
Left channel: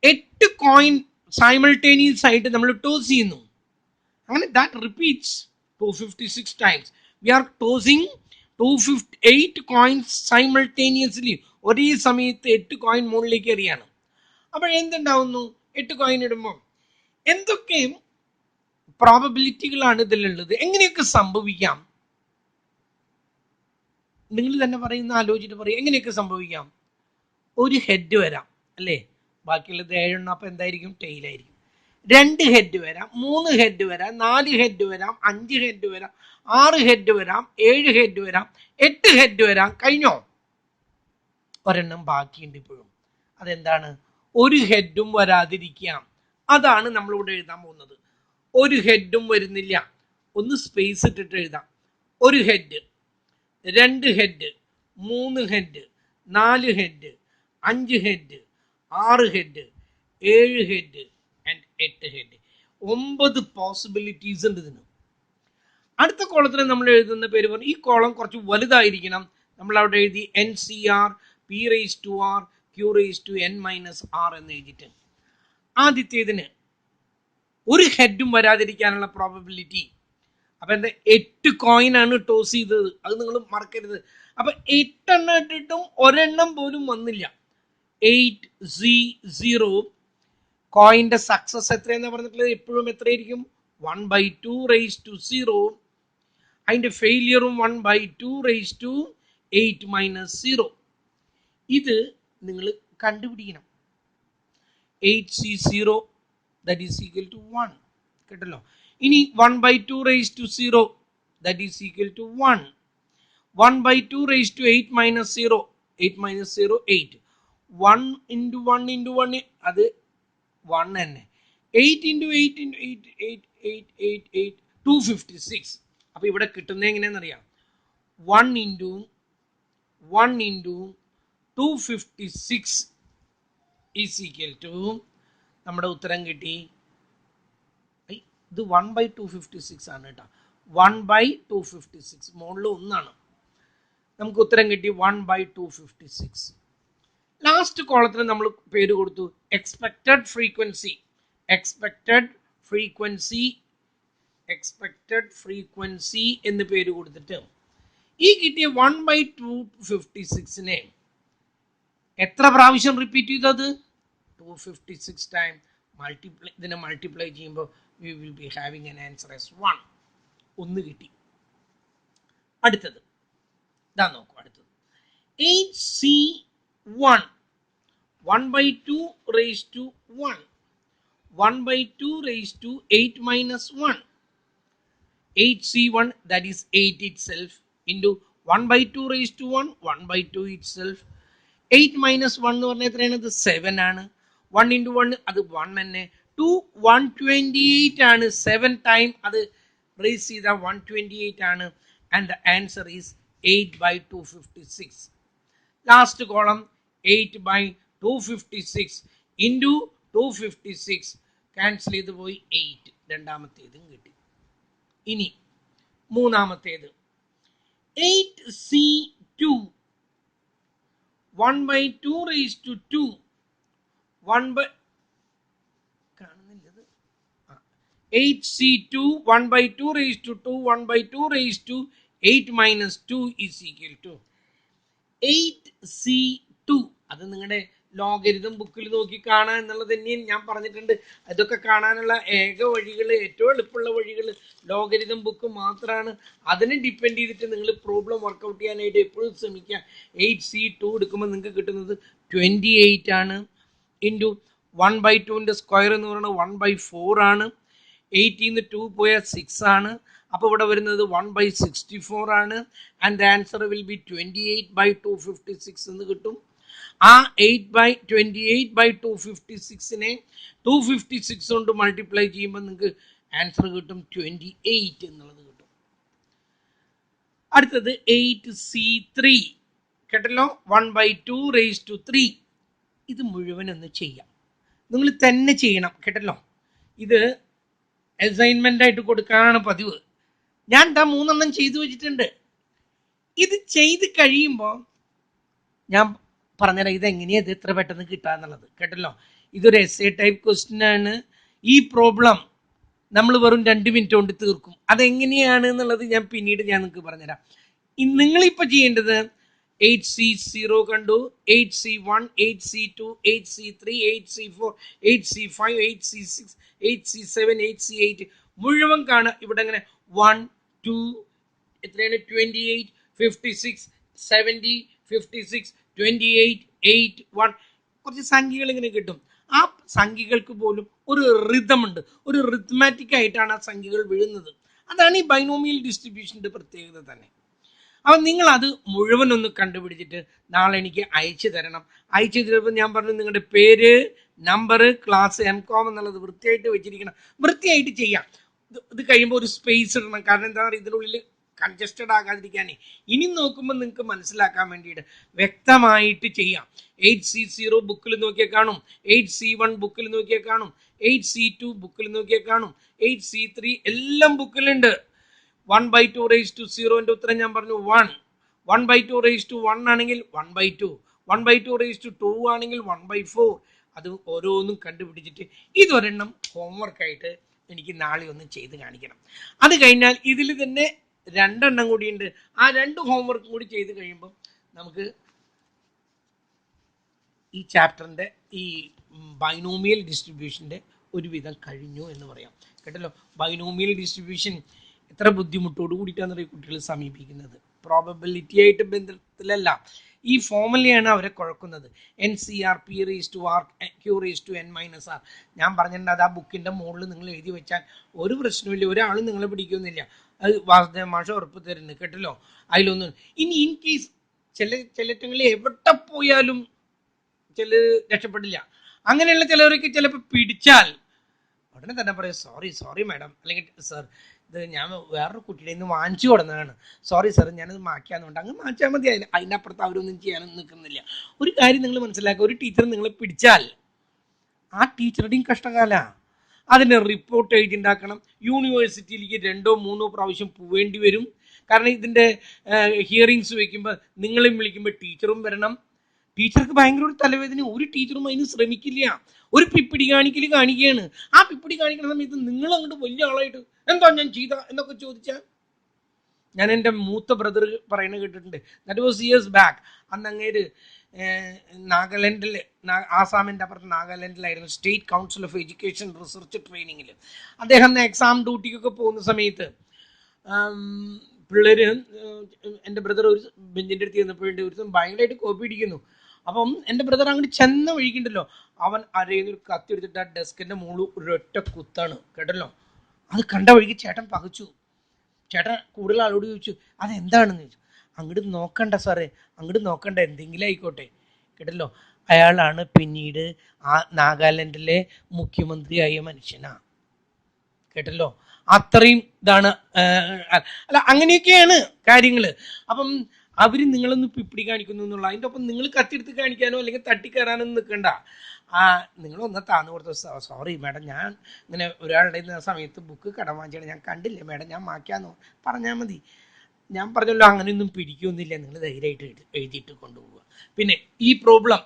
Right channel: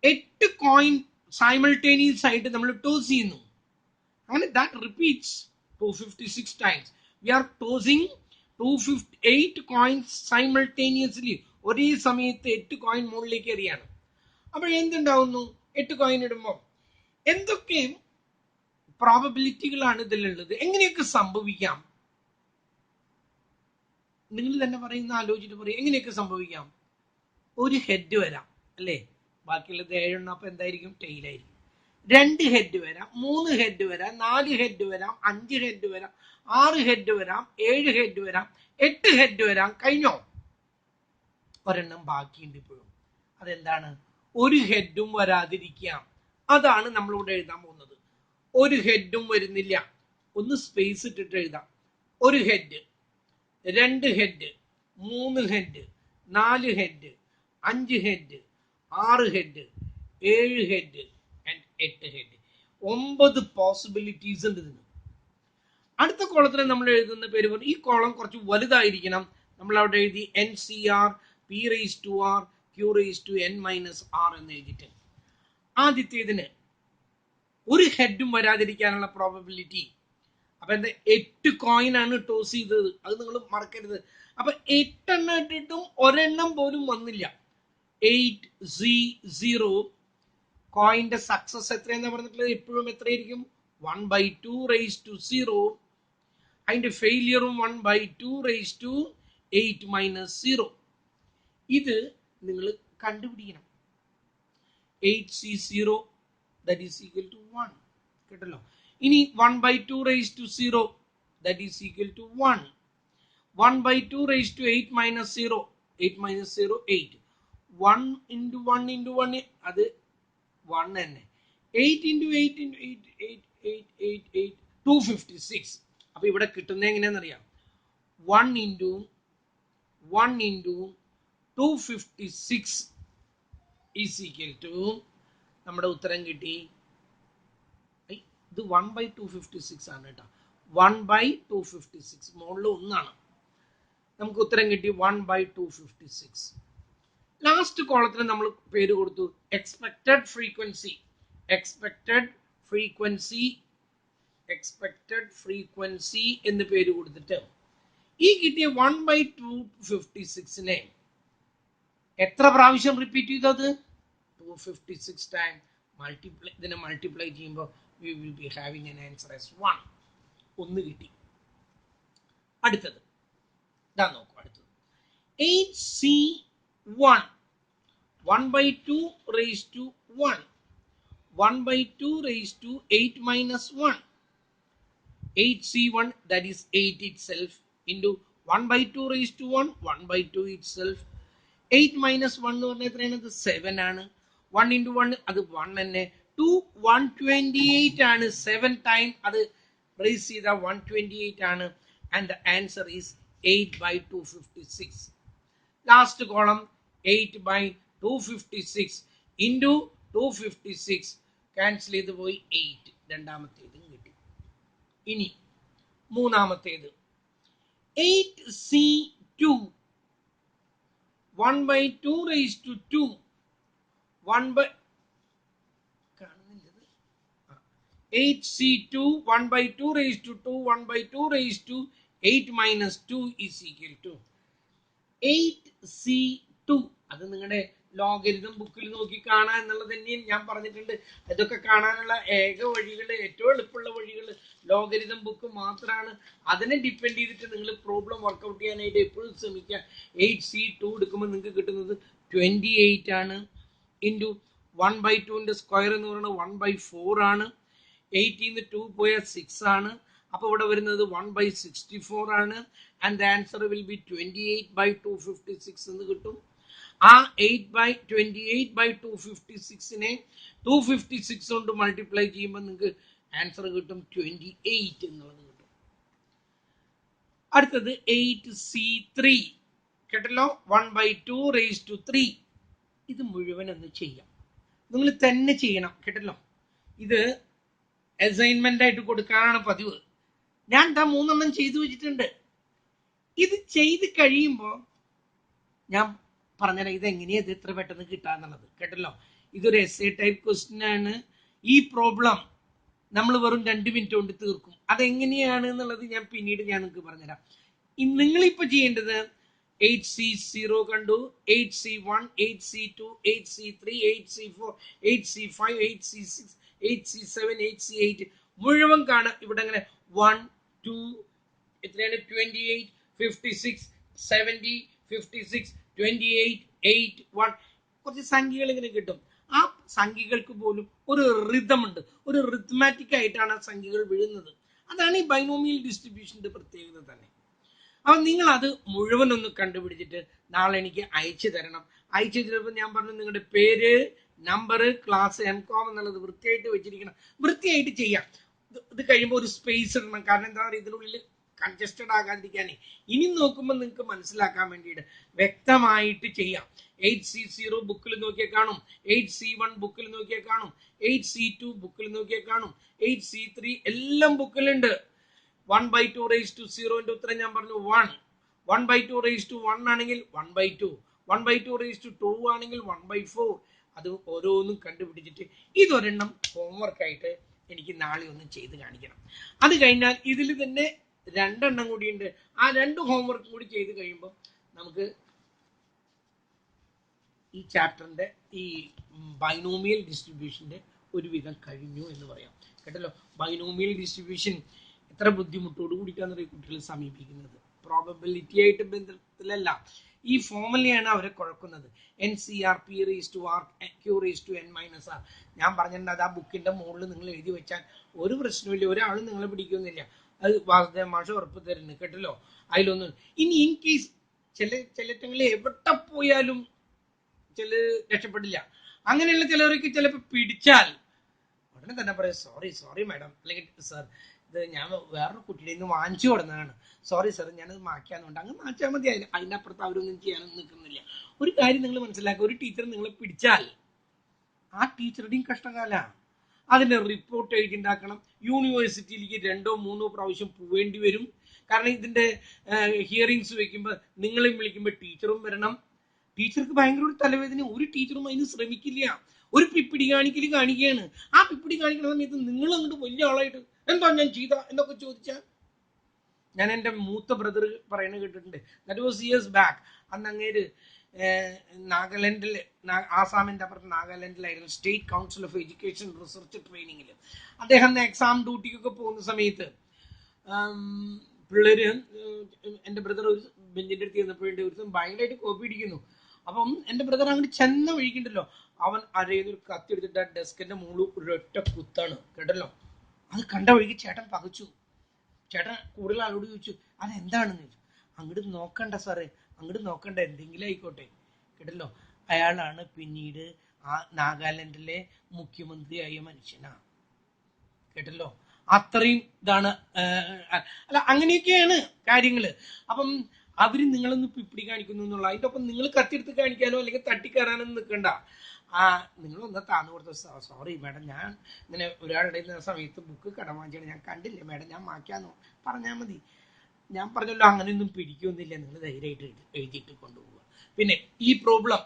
8 കോയിൻ സൈമൾട്ടേനിയസ് ആയിട്ട് നമ്മൾ ടോസ് ചെയ്യുന്നു. അങ്ങനെ that repeats 256 times. We are tossing 258 coins simultaneously. ഒരേ സമയത്ത് 8 കോയിൻ മുകളിലേക്ക് എറിയാണ്. അപ്പോൾ എന്തുണ്ടാവുന്നു? 8 കോയിൻ ഇടുമ്പോൾ എന്തൊക്കെ പ്രോബബിലിറ്റികളാണ് ഇതിലുള്ളത്? എങ്ങനെയൊക്കെ സംഭവിക്കാം? നിങ്ങൾ തന്നെ പറയുന്ന, ആലോചിച്ചിട്ട് പറയും എങ്ങനെയൊക്കെ സംഭവിക്കാം. ഒരു ഹെഡ് വരാം അല്ലേ, ബാക്കിയുള്ളത് 7 എണ്ണം, അപ്പോൾ എന്തായിരിക്കും? ടെയിലായിരിക്കും. 2 ഹെഡ് വരാം, 3 ഹെഡ് വരാം, 4 ഹെഡ് വരാം, 5 ഹെഡ് വരാം, 6 ഹെഡ് വരാം, 7 ഹെഡ് വരാം, 8 ഹെഡ് വരാം. കഴിഞ്ഞോ? ഒരെണ്ണം ബാക്കിയുണ്ട് ഇപ്പോഴും. അതെന്താണ്? ഒരു ഹെഡും വരാതിരിക്കാം. അതാണ് നമ്മളിവിടെ എഴുതാൻ പോകുന്നത്. ഒരു ഹെഡും വരുന്നില്ല. ഒന്ന് സ്പേസ് ഇട്ടിട്ട് എഴുതാം. ഒരു head, 2 head, 3 head, 4 head, 5 head, 6 head, 7 head, 8 head. 9 possibilities ഉണ്ട് ഇതിന്. അടുത്ത കോളത്തിൽ നമ്മൾ എഴുതുന്ന പേര് പറഞ്ഞു, ഈ കോളം കുറച്ച് വലുതായിരിക്കണം. നമ്മൾ അവിടെ എഴുതി NCR P⁻R Q⁻n−R എന്ന് എഴുതിയിട്ട്. ആദ്യത്തേതിന് ഒരു ഹെഡും വരാതിരിക്കാനുള്ള പ്രോബബിലിറ്റി. അപ്പൊ എന്താ? 8 കോയിൻ ആണ് ടോസ് ചെയ്തത്, അത് നിങ്ങൾ മറക്കരുത്. അപ്പൊ 8 എണ്ണം ഇട്ടിട്ടും ഒരെണ്ണം പോലും വന്നില്ല. 8C0 കോയിന്റെ സക്സസ് എത്രയെന്ന് പറഞ്ഞിട്ടുള്ളത് എപ്പോഴും എത്രയായിരിക്കും? 1/2⁻0. അതിന്റെ ഫെയിലിയറും 1/2⁻8 - 0. ഇത് നിങ്ങൾ കണ്ടുപിടിക്കണം. 8C0 that is equal to 1. കേട്ടല്ലോ. ഇനി 1/2⁻0 that is equal to 1. 1/2⁻8 - 0. 8 - 0 8. 1 × 1 × 1 അത് 1 തന്നെ. 8 × 8 × 8 8 8 8 256. അപ്പൊ ഇവിടെ കിട്ടുന്നത് എങ്ങനെയാണെന്നറിയാം? 1 × 1 × 256 is equal to, നമ്മുടെ ഉത്തരം കിട്ടി. ഇത് 1/256 ആണ് കേട്ടോ. 1/256 മുകളിൽ 1 ആണ്. നമുക്ക് ഉത്തരം കിട്ടി 1/256. ലാസ്റ്റ് കോളത്തിന് നമ്മൾ പേര് കൊടുത്തു എക്സ്പെക്റ്റഡ് ഫ്രീക്വൻസി. എക്സ്പെക്റ്റഡ് ഫ്രീക്വൻസി എന്ന് പേര് കൊടുത്തിട്ട് ഈ കിട്ടിയ 1/256നെ എത്ര പ്രാവശ്യം റിപ്പീറ്റ് ചെയ്തത്? 256 ടൈം. ഇതിനെ മൾട്ടിപ്ലൈ ചെയ്യുമ്പോൾ we will be having an answer as 1. 1 കിട്ടി. അടുത്തത് ഇതാ നോക്കൂ. അടുത്തത് 8C1 1/2⁻1 1/2⁸8 - 1. 8C1 that is 8 itself into 1/2⁻1 1/2 itself. 8 - 1 എന്ന് പറഞ്ഞാൽ എത്രയാണ്? 7 ആണ്. 1 × 1 അത് 1 തന്നെ. 128 ആണ്. 7 ടൈം അത് റേസ് ചെയ്ത 128 ആണ്. And the answer is 8/256. Last column 8/256 into 256 cancel ചെയ്ത് പോയി 8. രണ്ടാമത്തേതും കിട്ടി. ഇനി മൂന്നാമത്തേത് 8C2 1/2⁻2 8C2 1/2⁻2 1/2⁸8 - 2 is equal to 8C2. അത് നിങ്ങളുടെ ലോഗരിതം ബുക്കിൽ നോക്കി കാണാൻ എന്നുള്ളത് തന്നെയും ഞാൻ പറഞ്ഞിട്ടുണ്ട്. ഇതൊക്കെ കാണാനുള്ള ഏക വഴികൾ, ഏറ്റവും എളുപ്പമുള്ള വഴികൾ ലോഗരിതം ബുക്ക് മാത്രമാണ്. അതിനെ ഡിപ്പെൻഡ് ചെയ്തിട്ട് നിങ്ങൾ പ്രോബ്ലം വർക്കൗട്ട് ചെയ്യാനായിട്ട് എപ്പോഴും ശ്രമിക്കുക. 8C2 എടുക്കുമ്പോൾ നിങ്ങൾക്ക് കിട്ടുന്നത് 28 ആണ്. ഇൻറ്റു 1/2 സ്ക്വയർ എന്ന് പറയുന്നത് 1/4 ആണ്. 8 2 പോയാൽ 6 ആണ്. അപ്പോൾ ഇവിടെ വരുന്നത് 1/64 ആണ്. ആൻഡ് ആൻസർ വിൽ ബി 28/256 എന്ന് കിട്ടും. ആ 28/256നെ 256 കൊണ്ട് മൾട്ടിപ്ലൈ ചെയ്യുമ്പോൾ നിങ്ങൾക്ക് ആൻസർ കിട്ടും 28 എന്നുള്ളത് കിട്ടും. അടുത്തത് 8C3 കേട്ടല്ലോ, 1/2 ഇത് മുഴുവൻ ഒന്ന് ചെയ്യാം. നിങ്ങൾ തന്നെ ചെയ്യണം കേട്ടല്ലോ. ഇത് അസൈൻമെന്റ് ആയിട്ട് കൊടുക്കാനാണ് പതിവ്. ഞാൻ 3 ചെയ്തു വെച്ചിട്ടുണ്ട്. ഇത് ചെയ്ത് കഴിയുമ്പോൾ ഞാൻ പറഞ്ഞുതരാം ഇതെങ്ങനെയാണ് ഇത് ഇത്ര പെട്ടെന്ന് കിട്ടാന്നുള്ളത് കേട്ടല്ലോ. ഇതൊരു എസ്സേ ടൈപ്പ് ക്വസ്റ്റ്യൻ ആണ്. ഈ പ്രോബ്ലം നമ്മൾ വെറും 2 മിനിറ്റ് കൊണ്ട് തീർക്കും. അതെങ്ങനെയാണ് എന്നുള്ളത് ഞാൻ പിന്നീട് നിങ്ങൾക്ക് പറഞ്ഞുതരാം. നിങ്ങളിപ്പോൾ ചെയ്യേണ്ടത് 8C0 കണ്ടു, 8C1, 8C2, 8C3, 8C4, 8C5, 8C6, 8C7, 8C8 മുഴുവൻ കാണുക. ഇവിടെ അങ്ങനെ 1 2 എത്രയാണ് 28 56 70 56 28 8 1 കുറച്ച് സംഖ്യകൾ ഇങ്ങനെ കിട്ടും. ആ സംഖ്യകൾക്ക് പോലും ഒരു റിതം ഉണ്ട്, ഒരു റിത്മാറ്റിക് ആയിട്ടാണ് ആ സംഖ്യകൾ വീഴുന്നത്. അതാണ് ഈ ബൈനോമിയൽ ഡിസ്ട്രിബ്യൂഷൻ്റെ പ്രത്യേകത തന്നെ. അപ്പം നിങ്ങൾ അത് മുഴുവൻ ഒന്ന് കണ്ടുപിടിച്ചിട്ട് നാളെ എനിക്ക് അയച്ചു തരണം. അയച്ചു തരുമ്പോൾ ഞാൻ പറഞ്ഞു നിങ്ങളുടെ പേര്, നമ്പർ, ക്ലാസ്, MCom എന്നുള്ളത് വൃത്തിയായിട്ട് വെച്ചിരിക്കണം. വൃത്തിയായിട്ട് ചെയ്യാം. ഇത് കഴിയുമ്പോൾ ഒരു സ്പേസ് ഇടണം. കാരണം എന്താ പറയുക, ഇതിനുള്ളിൽ കൺജസ്റ്റഡ് ആകാതിരിക്കാനേ. ഇനി നോക്കുമ്പോൾ നിങ്ങൾക്ക് മനസ്സിലാക്കാൻ വേണ്ടിയിട്ട് വ്യക്തമായിട്ട് ചെയ്യാം. 8C0 ബുക്കിൽ നോക്കിയാൽ കാണും, 8C1 ബുക്കിൽ നോക്കിയാൽ കാണും, 8C2 ബുക്കിൽ നോക്കിയാൽ കാണും, 8C3 എല്ലാം ബുക്കിലുണ്ട്. 1/2 ഉത്തരം ഞാൻ പറഞ്ഞു 1. 1/2 ആണെങ്കിൽ 1/2, 1/2 ആണെങ്കിൽ 1/4. അത് ഓരോന്നും കണ്ടുപിടിച്ചിട്ട് ഇതൊരെണ്ണം ഹോംവർക്കായിട്ട് എനിക്ക് നാളെ ഒന്ന് ചെയ്ത് കാണിക്കണം. അത് കഴിഞ്ഞാൽ ഇതിൽ തന്നെ 2 കൂടിയുണ്ട്. ആ 2 ഹോംവർക്ക് കൂടി ചെയ്ത് കഴിയുമ്പോൾ നമുക്ക് ഈ ചാപ്റ്ററിൻ്റെ ഈ ബൈനോമിയൽ ഡിസ്ട്രിബ്യൂഷൻ്റെ ഒരുവിധം കഴിഞ്ഞു എന്ന് പറയാം കേട്ടല്ലോ. ബൈനോമിയൽ ഡിസ്ട്രിബ്യൂഷൻ എത്ര ബുദ്ധിമുട്ടോട് കൂടിയിട്ടാണ് കുട്ടികൾ സമീപിക്കുന്നത്. പ്രോബബിലിറ്റി ആയിട്ട് ബന്ധത്തിലല്ല, ഈ ഫോർമുലയാണ് അവരെ കുഴക്കുന്നത്. NCRP⁻Q⁻n−R. ഞാൻ പറഞ്ഞിട്ടുണ്ട്, അത് ആ ബുക്കിൻ്റെ മുകളിൽ നിങ്ങൾ എഴുതി വെച്ചാൽ ഒരു പ്രശ്നമില്ല, ഒരാളും നിങ്ങളെ പിടിക്കുന്നില്ല. അത് വാസുദേവ മാഷ് ഉറപ്പ് തരുന്നു കേട്ടല്ലോ. അതിലൊന്നും ഇനി ഇൻ കേസ് ചിലറ്റങ്ങളിൽ എവിടെ പോയാലും ചില രക്ഷപ്പെടില്ല. അങ്ങനെയുള്ള ചിലവർക്ക് ചിലപ്പോൾ പിടിച്ചാൽ ഉടനെ തന്നെ പറയും സോറി മാഡം, അല്ലെങ്കിൽ സാർ ഇത് ഞാൻ വേറൊരു കുട്ടിയുടെ നിന്ന് വാങ്ങിച്ചു കൊടുന്നതാണ്, സോറി സാർ ഞാനത് മാറ്റാന്നുണ്ട്. അങ്ങ് മാറ്റാൽ മതി. അതിനപ്പുറത്ത് അവരൊന്നും ചെയ്യാനൊന്നും നിൽക്കുന്നില്ല. ഒരു കാര്യം നിങ്ങൾ മനസ്സിലാക്കുക, ഒരു ടീച്ചർ നിങ്ങളെ പിടിച്ചാൽ ആ ടീച്ചറുടെയും കഷ്ടകാലമാണ്. അതിന് റിപ്പോർട്ട് എഴുതിണ്ടാക്കണം. യൂണിവേഴ്സിറ്റിയിലേക്ക് 2 3 പ്രാവശ്യം പോവേണ്ടി വരും. കാരണം ഇതിൻ്റെ ഹിയറിങ്സ് വയ്ക്കുമ്പോൾ നിങ്ങളെയും വിളിക്കുമ്പോൾ ടീച്ചറും വരണം. ടീച്ചർക്ക് ഭയങ്കര ഒരു തലവേദന. ഒരു ടീച്ചറും അതിന് ശ്രമിക്കില്ല. ഒരു പിപ്പിടി കാണിക്കുകയാണ്. ആ പിപ്പിടി കാണിക്കുന്ന സമയത്ത് നിങ്ങൾ അങ്ങോട്ട് വലിയ ആളായിട്ട് എന്താ ഞാൻ ചെയ്ത എന്നൊക്കെ ചോദിച്ചാൽ, ഞാൻ എൻ്റെ മൂത്ത ബ്രദർ പറയുന്നത് കേട്ടിട്ടുണ്ട്. That was years back. അന്ന് അങ്ങേര് നാഗാലാൻഡിൽ, ആസാമിൻ്റെ അപ്പുറത്ത് നാഗാലാൻഡിലായിരുന്നു, state council of education research ട്രെയിനിങ്ങിൽ. അദ്ദേഹം എക്സാം ഡ്യൂട്ടിക്കൊക്കെ പോകുന്ന സമയത്ത് പിള്ളേർ, എൻ്റെ ബ്രദർ ഒരു ബെഞ്ചിൻ്റെ അടുത്ത് ചെന്നപ്പോഴുണ്ട്, ഒരു ഭയങ്കരമായിട്ട് കോപ്പി അടിക്കുന്നു. അപ്പം എൻ്റെ ബ്രദർ അങ്ങോട്ട് ചെന്ന വഴിക്കുണ്ടല്ലോ, അവൻ അരയിൽ ഒരു കത്തി എടുത്തിട്ട് ആ ഡെസ്കിൻ്റെ മുകളിൽ ഒരൊറ്റ കുത്താണ് കേട്ടല്ലോ. അത് കണ്ട വഴിക്ക് ചേട്ടൻ പകച്ചു. ചേട്ടൻ കൂടുതൽ ആളോട് ചോദിച്ചു അതെന്താണെന്ന് ചോദിച്ചു. അങ്ങോട്ട് നോക്കണ്ട സാറേ, അങ്ങോട്ട് നോക്കണ്ട, എന്തെങ്കിലും ആയിക്കോട്ടെ കേട്ടല്ലോ. അയാളാണ് പിന്നീട് ആ നാഗാലാൻഡിലെ മുഖ്യമന്ത്രിയായ മനുഷ്യനാണ് കേട്ടല്ലോ. അത്രയും ഇതാണ്. അല്ല, അങ്ങനെയൊക്കെയാണ് കാര്യങ്ങൾ. അപ്പം അവർ നിങ്ങളൊന്ന് പിപ്പിടി കാണിക്കുന്നു എന്നുള്ള, അതിൻ്റെ ഒപ്പം നിങ്ങൾ കത്തിയെടുത്ത് കാണിക്കാനോ അല്ലെങ്കിൽ തട്ടിക്കയറാനോ നിൽക്കണ്ട. നിങ്ങളൊന്ന് താന്നു കൊടുത്തു, സോറി മാഡം ഞാൻ ഇങ്ങനെ ഒരാളുടെ സമയത്ത് ബുക്ക് കടം വാങ്ങിച്ചാണ്, ഞാൻ കണ്ടില്ലേ മാഡം, ഞാൻ മാറ്റാന്ന് പറഞ്ഞാൽ മതി. ഞാൻ പറഞ്ഞല്ലോ അങ്ങനെയൊന്നും പിടിക്കൊന്നുമില്ല, നിങ്ങൾ ധൈര്യമായിട്ട് എഴുതിയിട്ട് കൊണ്ടുപോവുക. പിന്നെ ഈ പ്രോബ്ലം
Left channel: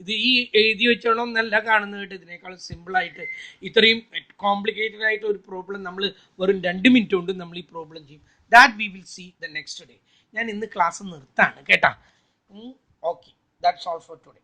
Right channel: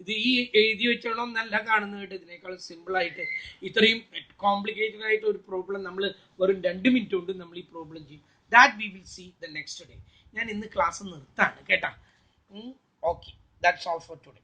ഇത് ഈ എഴുതി വെച്ചോണം എന്നല്ല കാണുന്നത് കേട്ടോ. ഇതിനേക്കാളും സിമ്പിളായിട്ട് ഇത്രയും കോംപ്ലിക്കേറ്റഡ് ആയിട്ട് ഒരു പ്രോബ്ലം നമ്മൾ വെറും 2 മിനിറ്റ് കൊണ്ട് നമ്മൾ ഈ പ്രോബ്ലം ചെയ്യും. That we will see the next day. ഞാൻ ഇന്ന് ക്ലാസ് നിർത്താണ് കേട്ടാ. Okay, that's all for today.